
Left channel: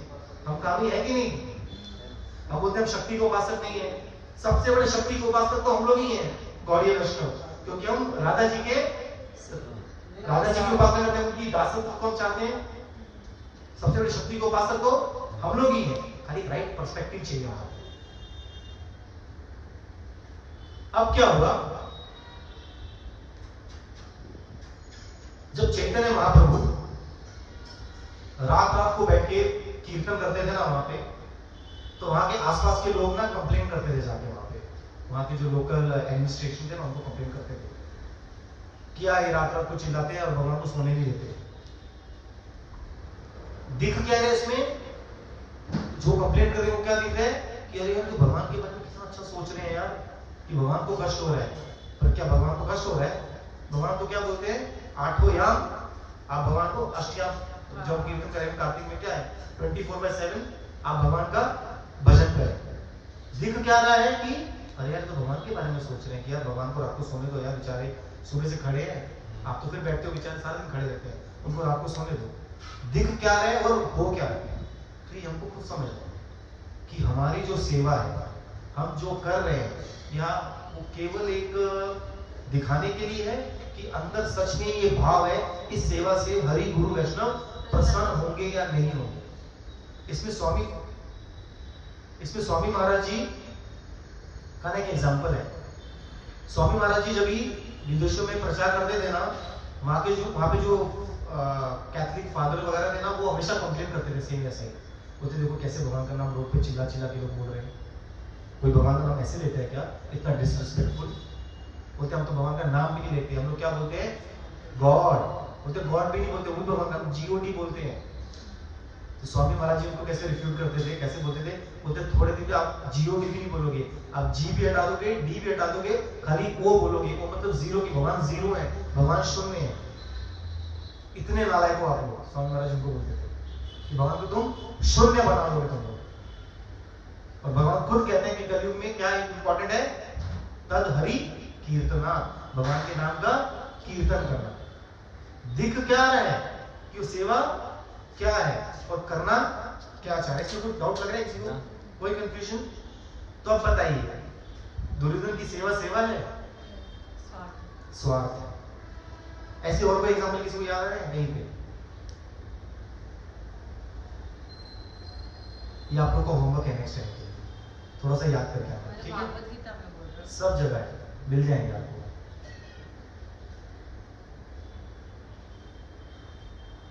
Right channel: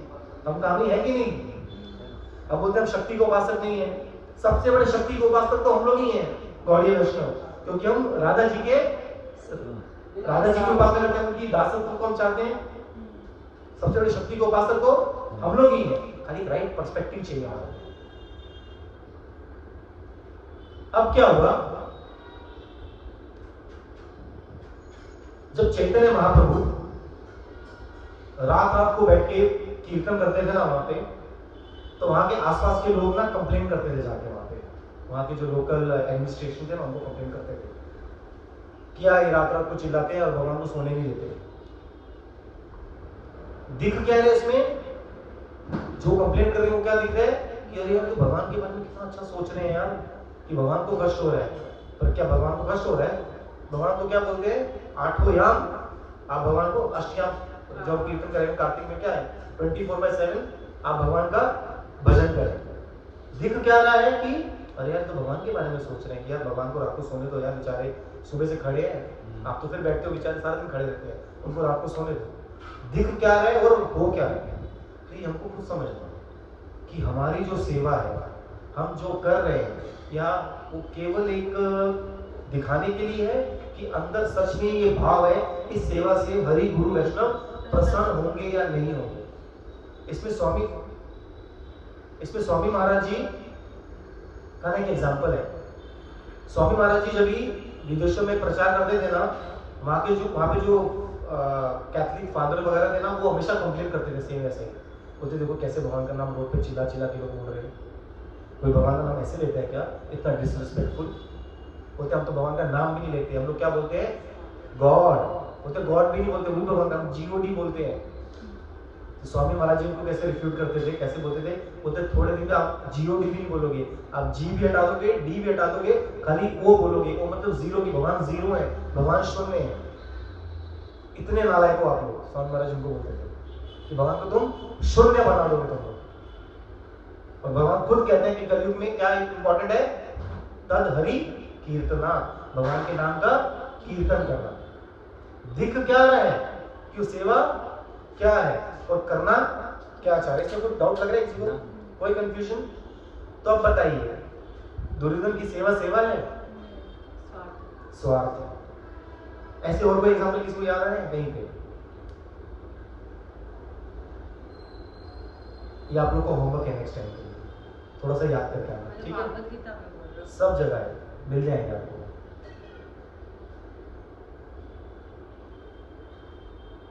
हम कामी है कि नहीं? हम बोलते हैं हम शक्ति को उपासक नहीं है। सबसे बड़े शक्ति को उपासक तो हम लोग ही हैं, गौड़ीय वैष्णव, क्योंकि हम राधा जी की उपासना करते हैं, उनकी दासत्व को हम चाहते हैं। सबसे बड़े शक्ति को उपासक तो हम लोग ही हैं, खाली राइट पर्सपेक्टिव चाहिए हमारा। अब क्या हुआ, जब चैतन्य महाप्रभु रात रात को बैठ के कीर्तन करते थे ना वहां पे, तो वहां के आसपास के लोग ना कंप्लेन करते थे जाके वहां पे। वहां के जो लोकल एडमिनिस्ट्रेशन थे ना, उनको कंप्लेन करते थे, क्या ये रात रात को चिल्लाते हैं और भगवान को सोने नहीं देते। दिख क्या है इसमें? जो कंप्लेन कर रहे हैं वो क्या दिख रहा है कि अरे हम तो भगवान के बारे में कितना अच्छा सोच रहे हैं यार, कि भगवान को कष्ट हो रहा है। पर क्या भगवान को कष्ट हो रहा है? भगवान को क्या बोलते हैं? आठों याम। आप भगवान को अष्टयाम, जब कीर्तन करेंगे कार्तिक में क्या है, 24/7 आप भगवान का भजन करें। दिख क्या रहा है कि अरे यार तो भगवान के बारे में सोच रहे हैं कि यार भगवान को रात को सोने दो यार, बेचारे सुबह से खड़े हैं, आप तो फिर बैठते हो, बेचारे सारा दिन खड़े रहते हैं, उनको रात को सोने दो। दिख क्या रहा है और हो क्या रहा है? तो ये हमको खुद समझना कि हमारी जो सेवा है, हम जो कर रहे हैं, या वो केवल एक दिखाने के लिए है कि अंदर सच में ये भाव है, इस सेवा से हरि गुरु वैष्णव प्रसन्न होंगे या नहीं होंगे। इसमें स्वामी महाराज जी का एक एग्जाम्पल है। स्वामी महाराज जी जब भी विदेशों में प्रचार करते थे ना, वहाँ पे जो कैथलिक फादर वगैरह थे ना, वो हमेशा कंप्लेन करते थे सेम ऐसे ही, बोलते देखो कैसे भगवान का नाम रोड पे चिल्ला चिल्ला के लोग बोल रहे हैं, कोई भगवान का नाम ऐसे लेता है क्या, इतना डिसरिस्पेक्टफुल। बोलते हम तो भगवान का नाम भी नहीं लेते, हम लोग क्या बोलते हैं? गॉड। बोलते गॉड भी नहीं बोलते, वो भगवान का GOD बोलते हैं। तो स्वामी महाराज जी उनको कैसे रिफ्यूट करते थे, कैसे बोलते थे? बोलते थोड़े दिन में आप GOD भी नहीं बोलोगे, आप G भी हटा दोगे, D भी हटा दोगे, खाली O बोलोगे। O मतलब जीरो, की भगवान जीरो है, भगवान शून्य है। इतने नालायक हो आप लोग। स्वामी महाराज उनको बोलते थे कि भगवान को तुम शून्य बना दोगे तुम लोग। और भगवान खुद कहते हैं कि कलयुग में क्या इंपॉर्टेंट है? तद हरि कीर्तना, भगवान के नाम का कीर्तन करना। दिख क्या रहा है कि सेवा क्या है और करना क्या चाह रहे? इसमें कोई डाउट लग रहा है किसी को? कोई कंफ्यूजन? तो अब बताइए, दुर्योधन की सेवा सेवा है, स्वार्थ है। ऐसे और कोई एग्जांपल किसी को याद आ रहा है कहीं पे? ये आप लोग को होमवर्क है नेक्स्ट टाइम के लिए, थोड़ा सा याद करके आना, ठीक है? सब जगह है, मिल जाएंगे आपको।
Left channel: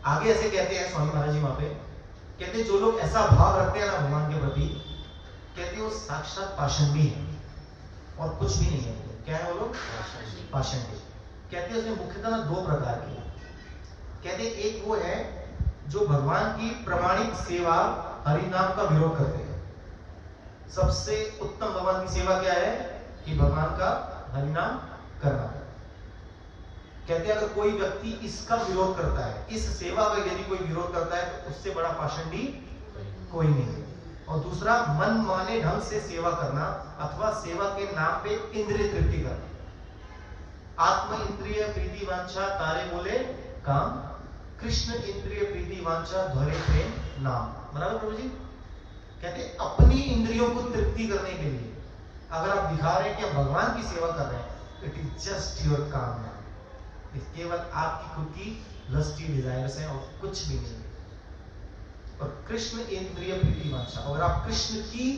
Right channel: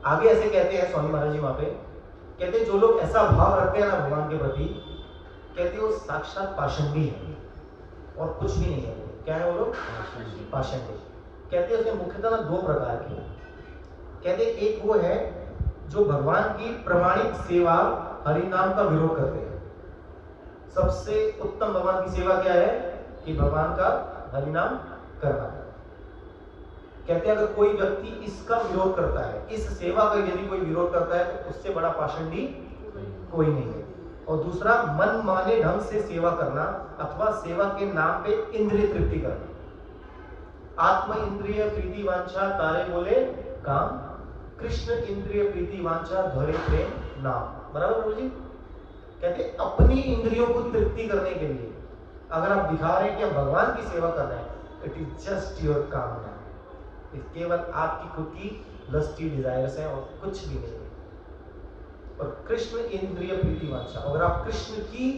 आगे ऐसे कहते हैं स्वामी महाराज जी वहां पे, कहते हैं जो लोग ऐसा भाव रखते हैं ना भगवान के प्रति, कहते हैं वो साक्षात पाषंडी है और कुछ भी नहीं है। क्या है वो लोग? पाषंडी। कहते हैं उसमें मुख्यतः ना दो प्रकार के। कहते एक वो है जो भगवान की प्रमाणिक सेवा हरि नाम का विरोध करते हैं। सबसे उत्तम भगवान की सेवा क्या है? कि भगवान का हरि नाम करना। कहते हैं अगर कोई व्यक्ति इसका विरोध करता है, इस सेवा का यदि कोई विरोध करता है, तो उससे बड़ा पाषंडी कोई नहीं है। और दूसरा, मन माने ढंग से सेवा करना अथवा सेवा के नाम पे इंद्रिय तृप्ति करना। आत्म इंद्रिय प्रीति वांछा तारे बोले काम, कृष्ण इंद्रिय प्रीति वांछा धोरे प्रेम नाम। बराबर प्रभु जी? कहते अपनी इंद्रियों को तृप्ति करने के लिए अगर आप दिखा रहे हैं कि हम भगवान की सेवा कर रहे हैं, इट इज जस्ट योर कामना, केवल आपकी खुद की लस्टी डिजायर्स हैं और कुछ भी नहीं है। और कृष्ण इंद्रिय प्रीति वांछा, अगर आप कृष्ण की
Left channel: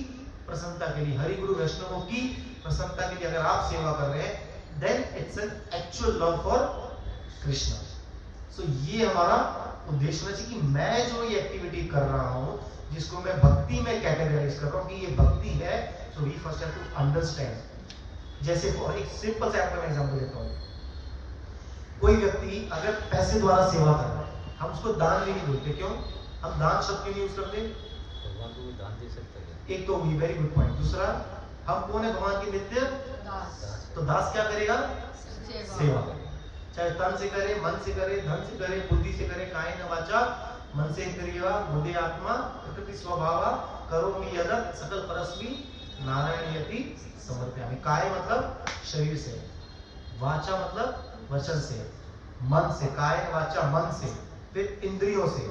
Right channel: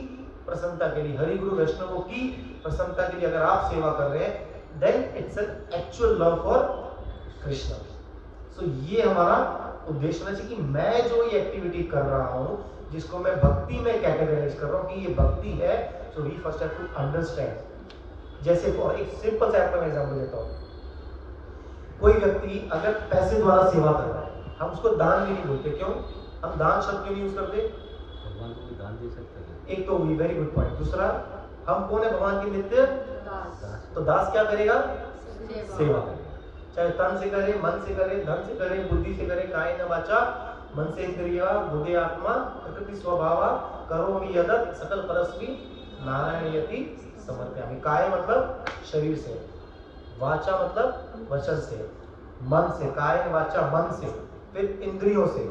प्रसन्नता के लिए, हरि गुरु वैष्णवों की प्रसन्नता के लिए अगर आप सेवा कर रहे हैं, then it's an actual love for Krishna. So ये हमारा उद्देश्य होना चाहिए कि मैं जो ये एक्टिविटी कर रहा हूं, जिसको मैं भक्ति में कैटेगराइज कर रहा हूं कि ये भक्ति है, so we first have to understand. जैसे एक सिंपल सा आपको मैं एग्जांपल देता हूं। कोई व्यक्ति अगर पैसे द्वारा सेवा कर रहा है, हम उसको दान भी नहीं बोलते। क्यों? हम दान शब्द क्यों नहीं यूज करते? दे सकते हैं। एक तो वही वेरी गुड पॉइंट। दूसरा, हम कौन है भगवान के नित्य? तो दास क्या करेगा? सेवा करेगा। चाहे तन से करे, मन से करे, धन से करे, बुद्धि से करे, कायेन वाचा मन से इंद्रिया बुद्धि आत्मा प्रकृति स्वभावा करोमि यदत् सकल परस्मै नारायणयति समर्पयामि। काय मतलब शरीर से, वाचा मतलब वचन से, मन से, कायेन वाचा मन से, फिर इंद्रियों से,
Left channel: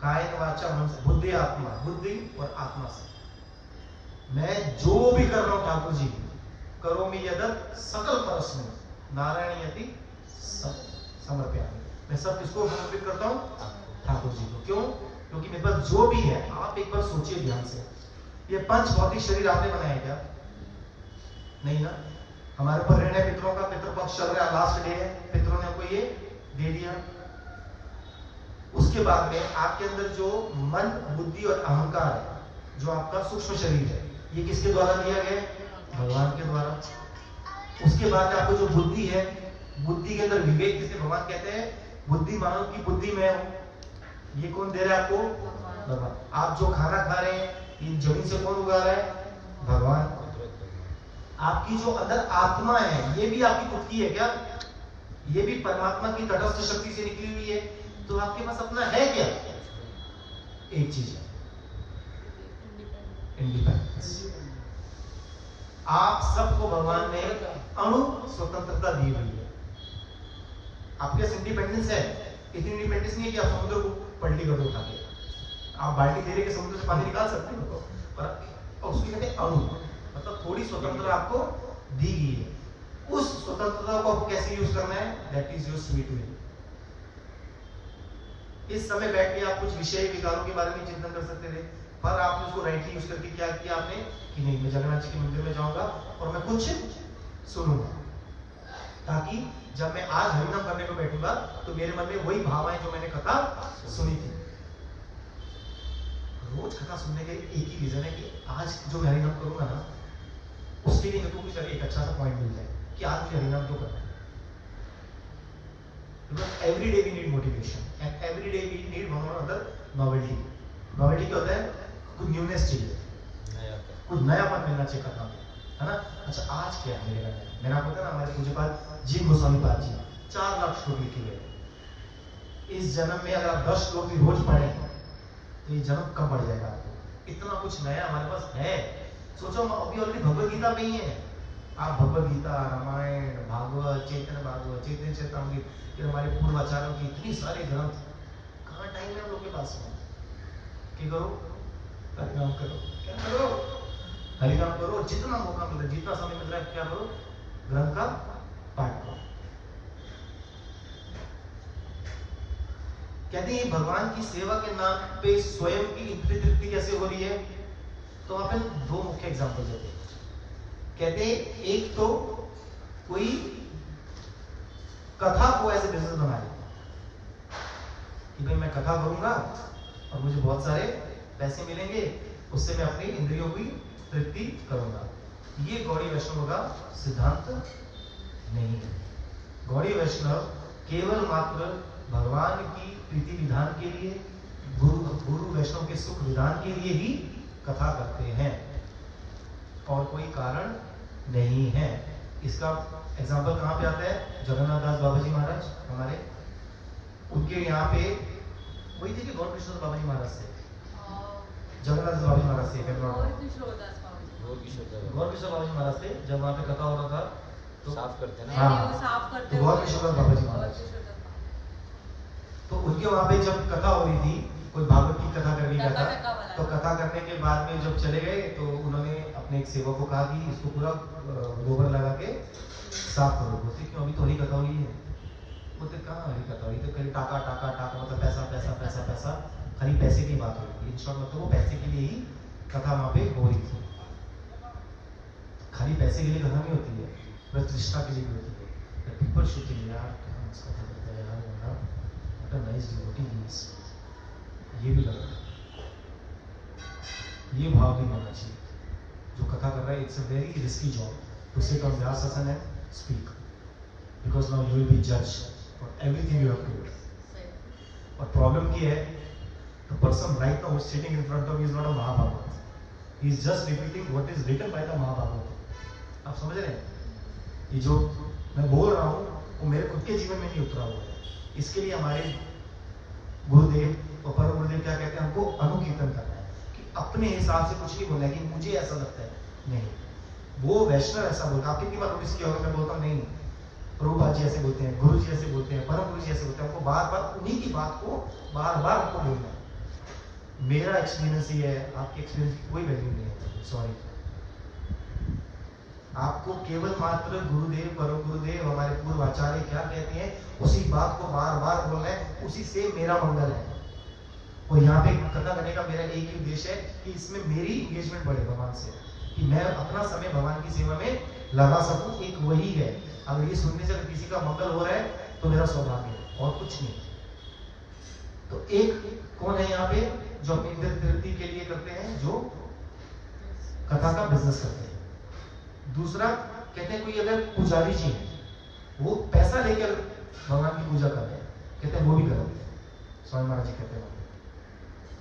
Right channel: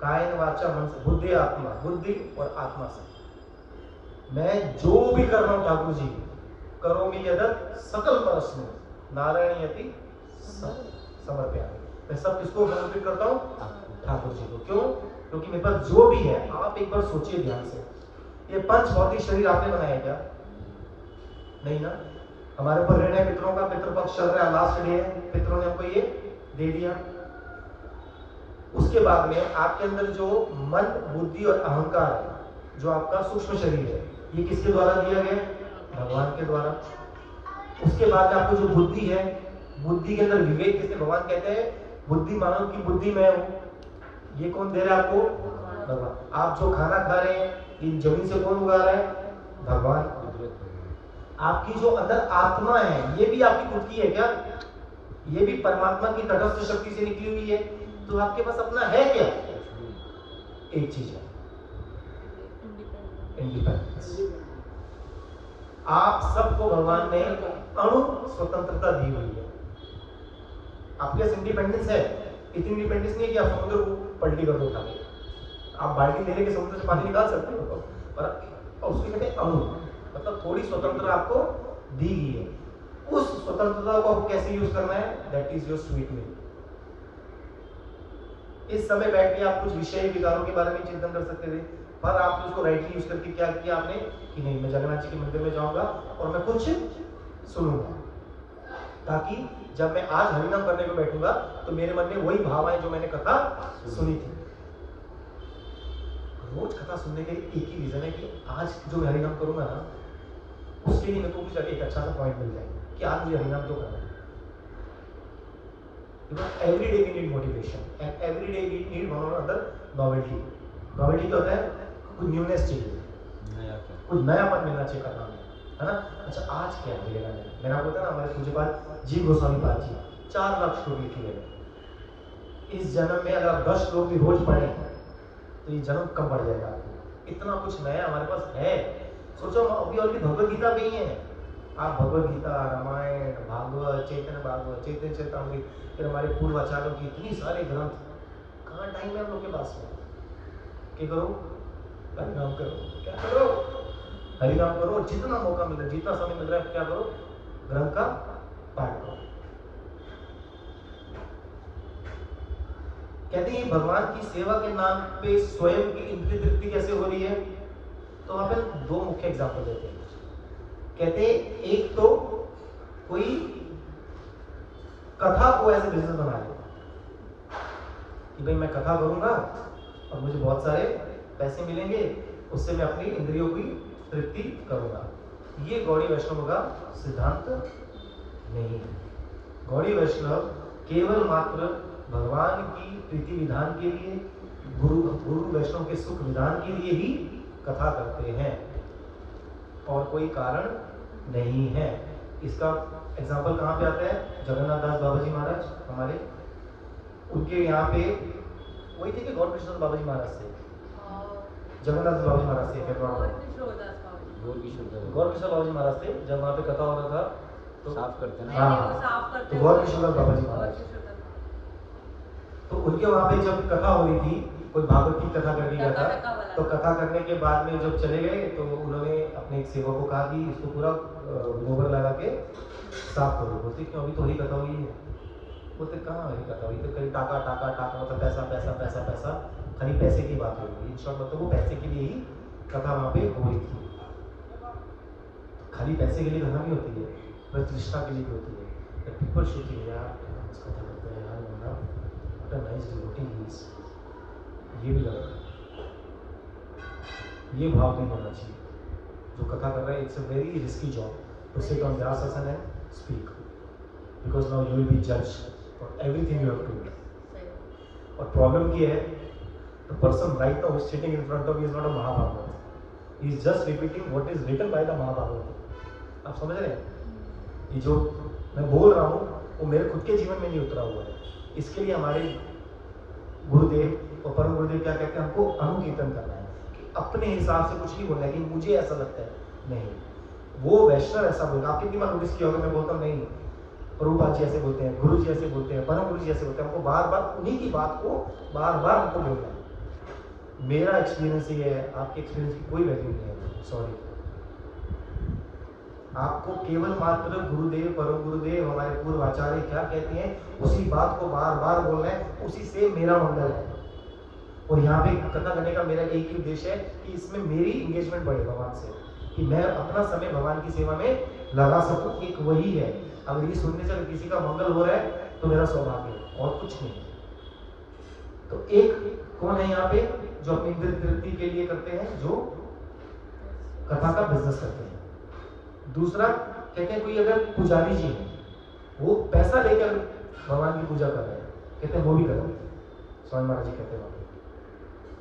कायेन वाचा मन से, बुद्धि आत्मा, बुद्धि और आत्मा से मैं जो भी कर रहा हूं ठाकुर जी, करोमि यदत् सकल परस्मै नारायणयति समर्पयामि। मैं सब किसको समर्पित करता हूं? ठाकुर जी को। क्यों? क्योंकि मेरे पास जो भी है, आप एक बार सोचिए ध्यान से, ये पंच भौतिक शरीर आपने बनाया क्या? नहीं ना। हमारे ऊपर ऋण है पितरों का, पितृपक्ष चल रहा है, लास्ट डे है, पितरों ने हमको ये दे दिया। उसके बाद में आपके अंदर जो मन, बुद्धि और अहंकार है, जो आपका सूक्ष्म शरीर है, ये किसके द्वारा दिया गया? भगवान के द्वारा। उसके बाद आपको जो बुद्धि है, बुद्धि के अंदर विवेक, किसे भगवान कहते हैं बुद्धि मानव की बुद्धि मैं हूं, ये कौन दे रहा है आपको? भगवान। आप जो खाना खा रहे हैं, इन जमीन से कौन उगा रहा है? भगवान। आपकी जो अंदर आत्मा है, ये भी आपकी खुद की है क्या? ये भी परमात्मा की तटस्थ शक्ति से निकली हुई है। तो आपके पास अपना है क्या? एक चीज है, इंडिपेंडेंस। आप सबको भगवान ने अणु स्वतंत्रता दी हुई है। आपके पास इंडिपेंडेंस है। इतनी इंडिपेंडेंस नहीं है कि आप समुद्र को पलटी कर दो उठा के। आप बाल्टी ले लेके समुद्र से पानी निकाल सकते हो, पर उसको कहते हैं अणु, मतलब थोड़ी स्वतंत्रता आपको दी गई है। उस स्वतंत्रता को आपको कैसे यूज करना है? That is your sweet will. इस समय बैठ के आप कुछ विषय विकारों के बारे में चिंतन कर सकते थे, पर आपने उसको राइटली यूज करके क्या किया आपने कि नहीं, मैं जगन्नाथ जी के मंदिर में जाऊंगा और मैं कुछ सुनूंगा, ताकि जब मैं आज हरिनाम करने को बैठूंगा तो मेरे मन में वही भाव आए जो मैंने कथा सुनी थी। रोज कथा सुनने के एक ही रीजन है कि आज जो मैं हरिनाम करूंगा ना, उसके लिए मेरे को कुछ एक अच्छा सा पॉइंट मिल जाए कि आज मुझे हरिनाम क्यों करना है। Because every day we need motivation and every day we need one or other novelty. Novelty क्या होता है? कुछ न्यूनेस चाहिए, कुछ नयापन मिलना चाहिए कथा में, है ना? अच्छा, आज क्या मिलेगा नया? मेरा को होता है ना, हमारे पूज्यपाद जी गोस्वामी पाद जी 4 लाख श्लोक लिखे गए। इस जन्म में अगर आप 10 श्लोक भी रोज पढ़ें तो ये जन्म कम बढ़ जाएगा। इतना कुछ नया हमारे पास है। सोचो, अभी ऑलरेडी भगवत गीता पे ही है। आप भगवत गीता, रामायण, भागवत, चैतन्य भागवत, चैतन्य चेतावनी, फिर हमारे पूर्व आचार्यों की इतनी सारे ग्रंथ, कहाँ टाइम है हम लोग के पास में? क्या करो? हरिनाम करो। क्या करो? हरिनाम करो। जितना मौका मिल रहा है, जितना समय मिल रहा है, क्या करो? ग्रंथ का पाठ करो। कहते हैं भगवान की सेवा के नाम पे स्वयं की इंद्रिय तृप्ति कैसे हो रही है? तो वहां पे 2 मुख्य एग्जाम्पल देते हैं। कहते हैं एक तो कोई कथा को ऐसे बिजनेस बना ले कि भाई मैं कथा करूंगा और मुझे बहुत सारे पैसे मिलेंगे, उससे मैं अपनी इंद्रियों की तृप्ति करूंगा। ये गौड़ी वैष्णव का सिद्धांत नहीं है। गौड़ी वैष्णव केवल मात्र भगवान की प्रीति विधान के लिए, गुरु वैष्णव के सुख विधान के लिए ही कथा करते हैं, और कोई कारण नहीं है। इसका एग्जाम्पल कहाँ पे आता है? जगन्नाथ दास बाबा जी महाराज हमारे, उनके यहाँ पे वही थे कि गौर कृष्ण बाबा जी महाराज से, जगन्नाथ दास बाबा जी महाराज से, गौर कृष्ण बाबा जी महाराज से जब वहाँ पे कथा हो रहा था तो साफ करते हैं। हाँ, तो गौर कृष्ण दास बाबा जी महाराज, तो उनके वहाँ पे जब कथा हो रही थी, कोई भागवत की कथा करके गया था, तो कथा करने के बाद में जब चले गए तो उन्होंने अपने एक सेवक को कहा कि इसको पूरा गोबर लगा के साफ करो। बोलते क्यों? अभी तो हरी कथा हुई है। बोलते कहाँ हरी कथा हुई? तो कहीं टाका टाका टाका, मतलब पैसा पैसा पैसा पैसा, खाली पैसे की बात हो रही थी। इन शॉर्ट मतलब वो पैसे के लिए ही कथा वहाँ पे हो रही थी। खाली पैसे के लिए कथा नहीं होती है, प्रतिष्ठा के लिए भी होती है। पीपल शुड थिंक यार क्या हम इस कथा करते हैं, यार बंदा what a nice devotee he is. ये भी गलत है, ये भाव भी होना चाहिए। जो कथा कर रहे हैं, it's a very risky job to sit on व्यास आसन and speak, because now you will be judged for everything you have told. और प्रॉब्लम ये है, the person right now sitting in front of me is not a Mahabharata, he is just repeating what is written by the Mahabharata. आप समझ रहे हैं? ये जो मैं बोल रहा हूँ वो मेरे खुद के जीवन में नहीं उतरा हुआ है। इसके लिए हमारे गुरुदेव और परम गुरुदेव क्या कहते हैं, हमको अनुकीर्तन करना है कि अपने हिसाब से कुछ नहीं बोलना है कि मुझे ऐसा लगता है, नहीं। वो वैष्णव ऐसा बोलता है, आपने कितनी बार नोटिस किया होगा, मैं बोलता हूँ नहीं प्रभुपाद जी ऐसे बोलते हैं, गुरु जी ऐसे बोलते हैं, परम गुरु जी ऐसे बोलते हैं, हमको बार बार उन्हीं की बात को बार बार हमको बोलना है। मेरा एक्सपीरियंस ये है, आपके एक्सपीरियंस की कोई वैल्यू नहीं है, सॉरी। आपको केवल मात्र गुरुदेव परम गुरुदेव हमारे पूर्व आचार्य क्या कहते हैं उसी बात को बार बार बोलना है, उसी से मेरा मंगल है। और यहाँ पे कथा करने का मेरा एक ही उद्देश्य है कि इसमें मेरी इंगेजमेंट बढ़े भगवान से, कि मैं अपना समय भगवान की सेवा में लगा सकूं, एक वही है। अगर ये सुनने से अगर किसी का मंगल हो रहा है तो मेरा सौभाग्य है और कुछ नहीं। तो एक कौन है यहाँ पे जो अपनी तृप्ति के लिए करते हैं, जो कथा का बिजनेस करते हैं। दूसरा कहते हैं कोई अगर पुजारी जी है, वो पैसा लेकर भगवान की पूजा कर रहे हैं, कहते हैं वो भी करो। स्वामी महाराज जी कहते हैं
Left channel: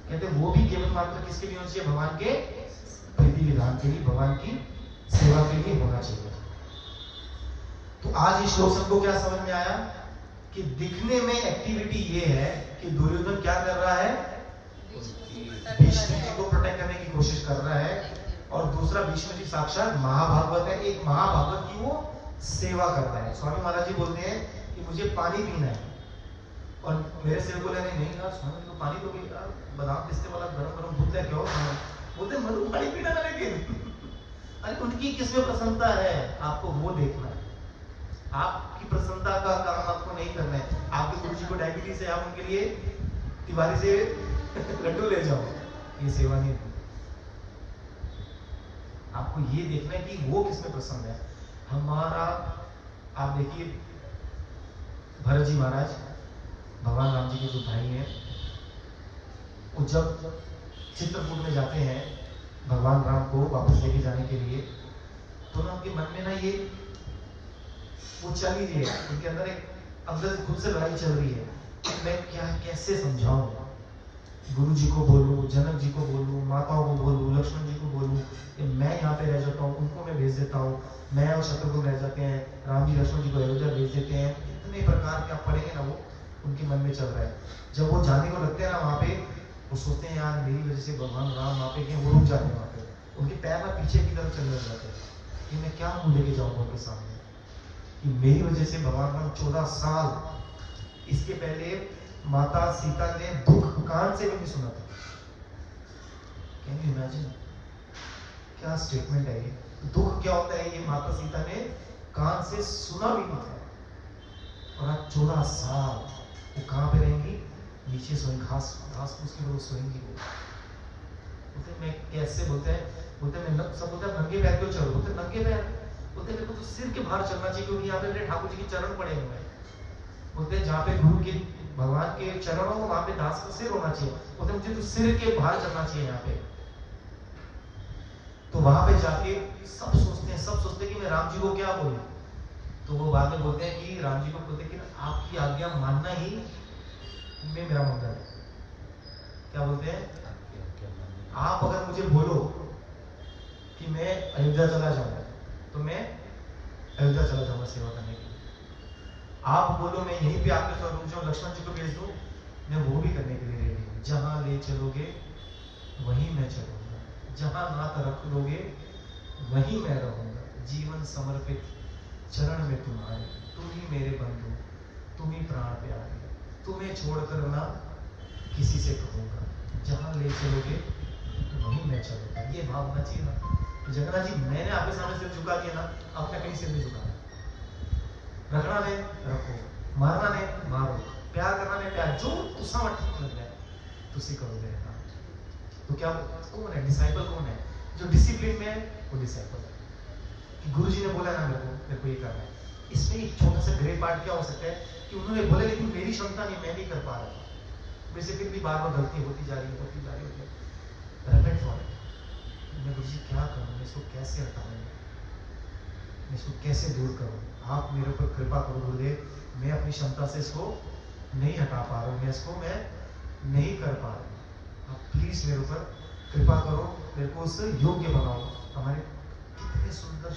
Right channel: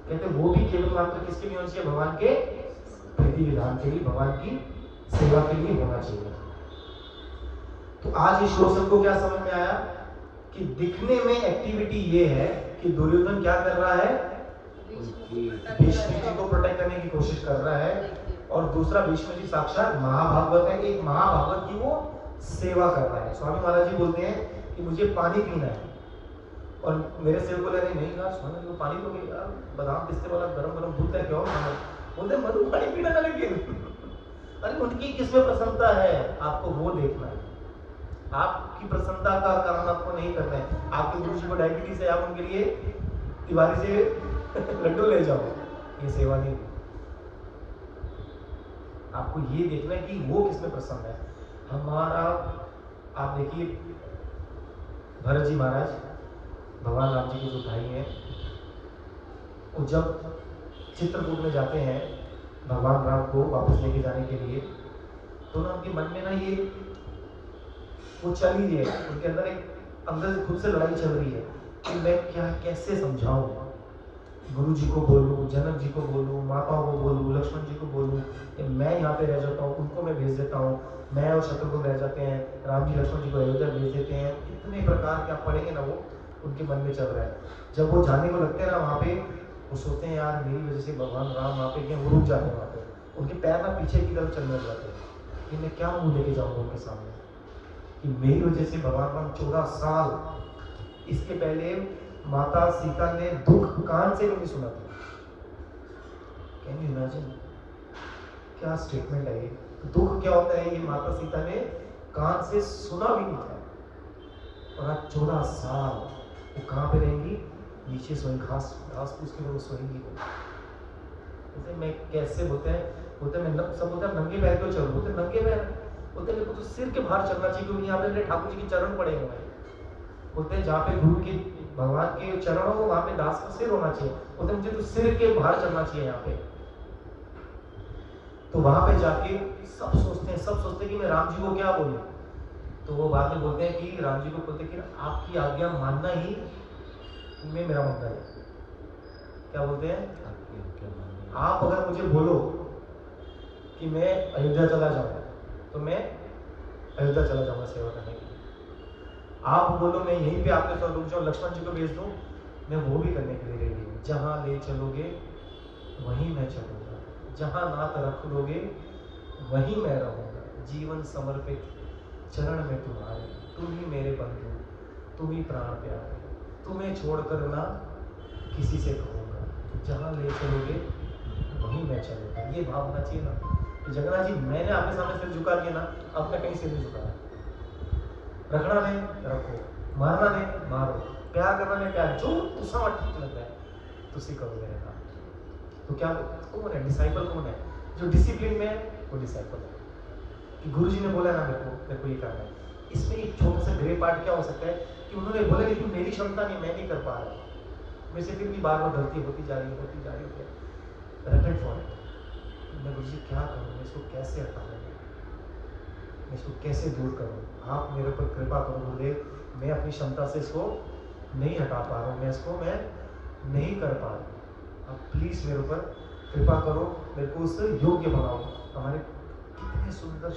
कहते हैं वो भी केवल मात्र किसके लिए होना चाहिए, भगवान के प्रीति विधान के लिए, भगवान की सेवा के लिए होना चाहिए। तो आज इस श्लोक को क्या समझ में आया कि दिखने में एक्टिविटी ये है कि दुर्योधन क्या कर रहा है, भीष्म जी को प्रोटेक्ट करने की कोशिश कर रहा है, और दूसरा भीष्म जी साक्षात महाभागवत है, एक महाभागवत की वो सेवा कर रहा है। स्वामी महाराज जी बोलते हैं कि मुझे पानी पीना है, और मेरे सेवक बोले नहीं यार स्वामी जी को पानी तो नहीं यार, बादाम पिस्ते वाला गरम गरम दूध है, क्यों बोलते मनु पानी पीना था, लेकिन अरे उनकी किसमें प्रसन्नता है आपको वो देखना है। आपकी प्रसन्नता का काम आपको नहीं करना है। आपके गुरु जी को डायबिटीज है, आप उनके लिए तिवारी से लड्डू ले जाओ, ये सेवा नहीं हुई। आपको ये देखना है कि वो किसमें प्रसन्न है। हमारा आप देखिए भरत जी महाराज भगवान राम जी के जो भाई हैं, वो जब चित्रकूट में जाते हैं भगवान राम को वापस लेके जाने के लिए, तो ना उनके मन में ना ये वो चल ही रही है, उनके अंदर एक अंदर से खुद से लड़ाई चल रही है कि मैं क्या कैसे समझाऊं, गुरु जी को बोलूं, जनक जी को बोलूं, माताओं को बोलूं, लक्ष्मण जी को बोलूं, मैं यहाँ पे रह जाता हूँ, उनको मैं भेज देता हूँ, मैं और शत्रुघ्न रह जाते हैं, राम जी लक्ष्मण जी को अयोध्या भेज देते हैं। इतने प्रकार के आप पढ़ेंगे ना, वो उनके मन में चल रहा है। जब वो जाने को लगते हैं ना वहाँ पे, वो सोचते हैं यार मेरी वजह से भगवान राम वहाँ पे क्या, वो रुक जाते हैं वहाँ पे, उनके पैर ना पीछे की तरफ चलने लग जाते हैं कि मैं क्या मुँह लेके जाऊँगा उनके सामने, कि मेरी वजह से भगवान राम 14 साल, इसके पहले माता सीता ने दुख कान से भी नहीं सुना था। कैन यू इमेजिन, क्या स्टेटमेंट है ये। दुख क्या होता है ये माता सीता ने कान से सुना भी नहीं था, और आज 14 साल वो कहाँ पे रहेंगी, नीचे सोई घास फूस के लोग सोएंगी। वो बोलते मैं कैसे, बोलते हैं मैं सब बोलते हैं नंगे पैर क्यों चलूं, बोलते नंगे पैर, बोलते मेरे को तो सिर के बाहर चलना चाहिए, क्योंकि यहाँ पे मेरे ठाकुर जी के चरण पड़े हुए हैं। बोलते हैं जहाँ पे गुरु के भगवान के चरण हो वहाँ पे दास का सिर होना चाहिए, बोलते मुझे तो सिर के बाहर चलना चाहिए यहाँ पे। तो वहां पे जाके सब सोचते हैं कि मैं राम जी को क्या बोलूं, तो वो बाद में बोलते हैं कि राम जी को बोलते हैं कि आपकी आज्ञा मानना ही में मेरा मंगल है। क्या बोलते हैं, आप अगर मुझे बोलो कि मैं अयोध्या चला जाऊंगा तो मैं अयोध्या चला जाऊंगा सेवा करने के लिए। आप बोलो मैं यहीं पे आपके साथ रुक जाऊं, लक्ष्मण जी को भेज दूं, मैं वो भी करने के लिए रेडी हूँ। जहां ले चलोगे वहीं मैं चलूंगा, जहां नाथ रख दोगे वहीं मैं रहूंगा। जीवन समर्पित चरण में तुम्हारे, तुम ही मेरे बंधु, तुम ही प्राण प्यारे, तुम्हें छोड़कर ना किसी से कहूंगा, जहां ले चलोगे वहीं मैं चलूंगा। ये भाव होना चाहिए ना कि जगन्नाथ जी मैंने आपके सामने सिर झुका दिया ना, अब मैं कहीं सिर नहीं झुका। रखना नहीं रखो, मारना नहीं मारो, प्यार करना नहीं प्यार, जो तुसा ठीक लग रहा है तुसी करो मेरे नाम। तो क्या कौन है डिसाइपल, कौन है जो डिसिप्लिन में है, वो डिसाइपल है। कि गुरु जी ने बोला ना मेरे को ये करना है। इसमें एक छोटा सा ग्रे पार्ट क्या हो सकता है कि उन्होंने बोला लेकिन मेरी क्षमता नहीं, मैं नहीं कर पा रहा, मेरे से फिर भी बार बार गलती होती जा रही है। Repent for it. मैं गुरु जी क्या करूँ, मैं इसको कैसे हटाऊँ, मैं इसको कैसे दूर करूँ, आप मेरे ऊपर कृपा करो गुरुदेव, मैं अपनी क्षमता से इसको नहीं हटा पा रहा हूँ, मैं इसको मैं नहीं कर पा रहा हूँ, आप प्लीज़ मेरे ऊपर कृपा करो। मेरे को उससे योग्य बनाओ। हमारे कितने सुंदर